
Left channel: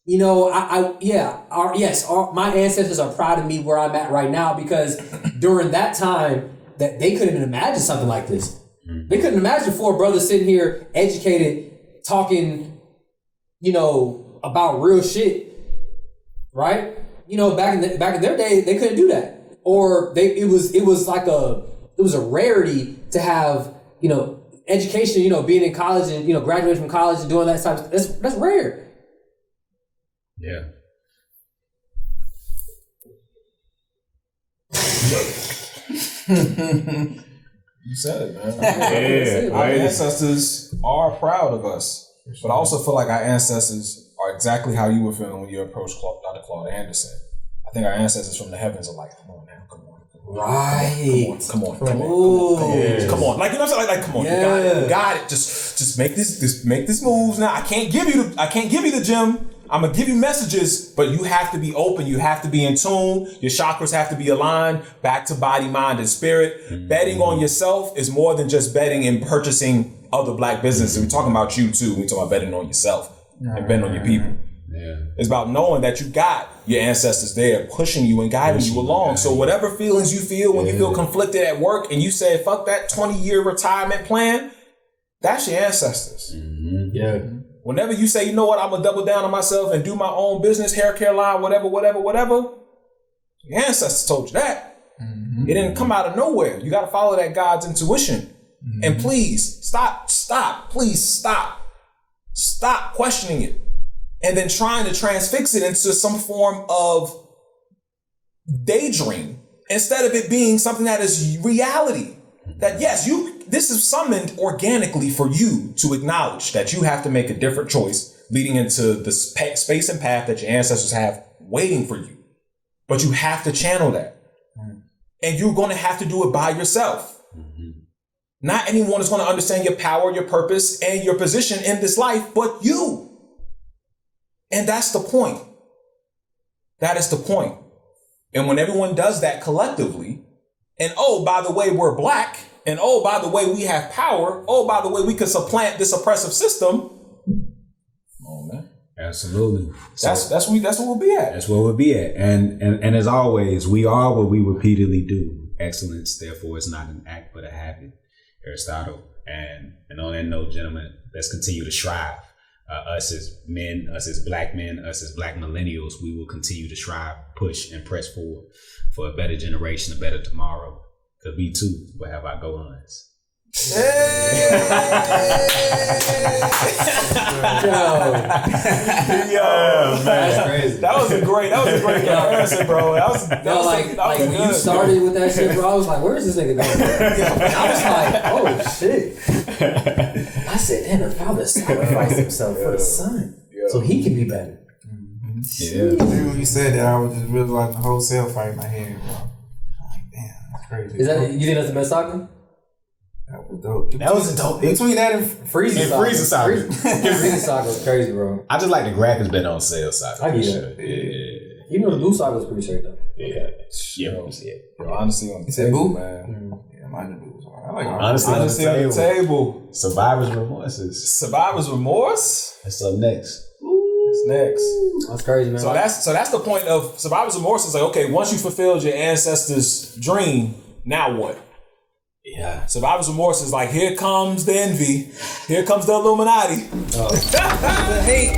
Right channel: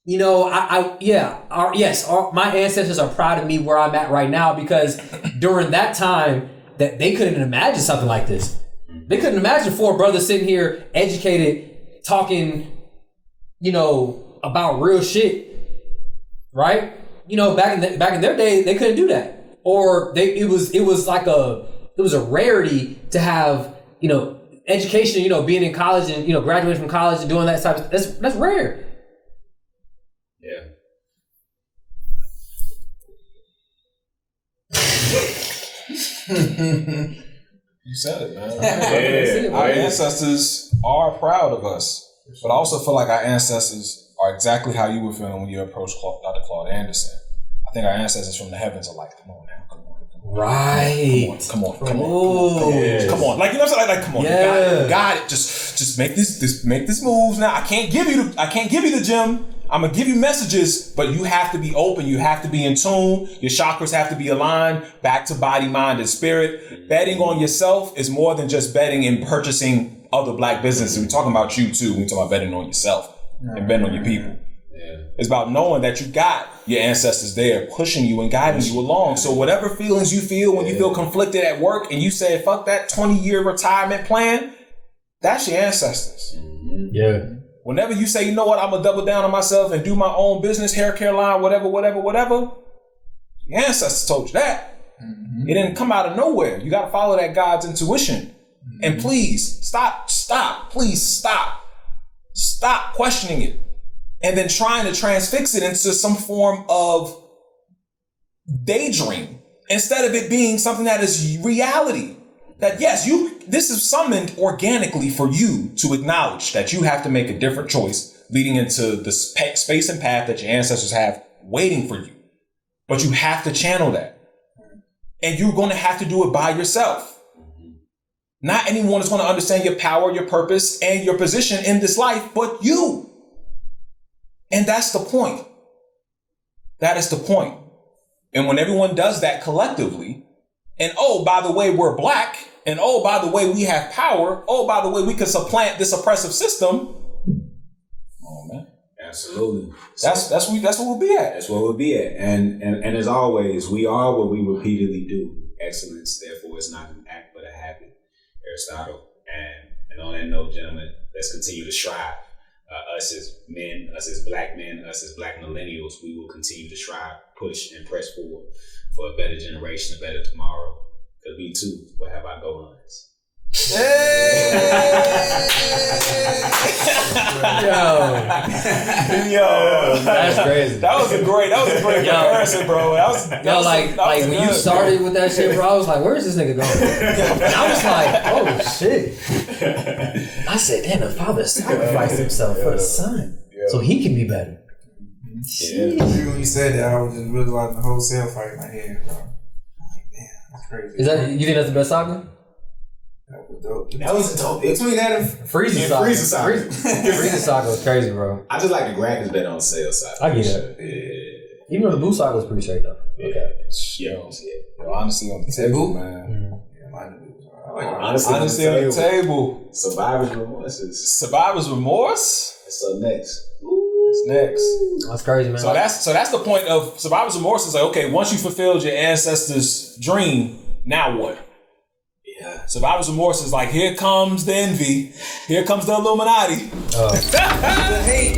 my ancestors are proud of me where I'm at right now because during that time that they couldn't imagine something like this. They couldn't imagine 4 brothers sitting here, educated, talking, about real shit, right? Back in their day, they couldn't do that, or it was a rarity to have education, being in college and graduating from college and doing that type of that's rare. Yeah. You said it, man. Our ancestors are proud of us, but I also feel like our ancestors are exactly how you were feeling when you approached Dr. Claude Anderson. I think our ancestors from the heavens are like, come on now, come on. Right. Come on. Like, you know what I'm saying? Like come on. Yeah. You got it. Just make this moves now. I can't give you the gym. I'm gonna give you messages, but you have to be open. You have to be in tune. Your chakras have to be aligned back to body, mind, and spirit. Mm-hmm. Betting on yourself is more than just betting and purchasing other Black businesses. We're talking about you too. We're talking about betting on yourself and betting on your people. It's about knowing that you got your ancestors there pushing you and guiding you along. So whatever feelings you feel when you feel conflicted at work and you say, fuck that 20-year retirement plan, that's your ancestors. Yeah. Whenever you say, you know what, I'm going to double down on myself and do my own business, hair care line, whatever, your ancestors told you that. It didn't come out of nowhere. You got to follow that God's intuition. And please, stop questioning it. And then trying to transfix it into some form of daydream instead of it being something that is reality. That yes, this is summoned organically for you to acknowledge that you have to make a different choice leading into the space and path that your ancestors have waiting for you. But you have to channel that. And you're going to have to do it by yourself. Not anyone is going to understand your power, your purpose, and your position in this life, but you. And that's the point. That is the point. And when everyone does that collectively, and oh, by the way, we're black, and oh, by the way, we have power, oh, by the way, we can supplant this oppressive system. Oh man. Absolutely. That's where we'll be at. That's where we'll be at. And as always, we are what we repeatedly do. Excellence, therefore, is not an act but a habit. Aristotle. And on that note, gentlemen, let's continue to strive. Us as men, us as black men, us as black millennials, we will continue to strive, push, and press forward for a better generation, a better tomorrow. Because we too will have our go-ons. Yo, that's crazy. That was a great comparison, bro. When you started with that shit, bro, I was like, where's this nigga going? And I was like, oh shit. I said, damn, the father sacrificed himself for the son, so he can be better. Yeah. When you said that, I was just realizing the whole cell fight in my head, bro. I'm like, damn, that's crazy. Is that, you think that's the best saga? That was dope. That was dope. Between that and Frieza saga. Frieza saga was crazy, bro. I just like the graphics better on Cell side. I get that. Yeah. Even though the Boo saga was pretty straight though. Okay. Yo, honestly on the table, man. Yeah, mine the Boos. I like honestly on the table. Survivor's remorse. Survivor's remorse. That's up next. It's next. That's crazy, man. So that's the point of survivor's remorse. Is like, okay, once you fulfilled your ancestors' dream, now what? Yeah. Survivor's remorse is like, here comes the envy, here comes the Illuminati. the hate.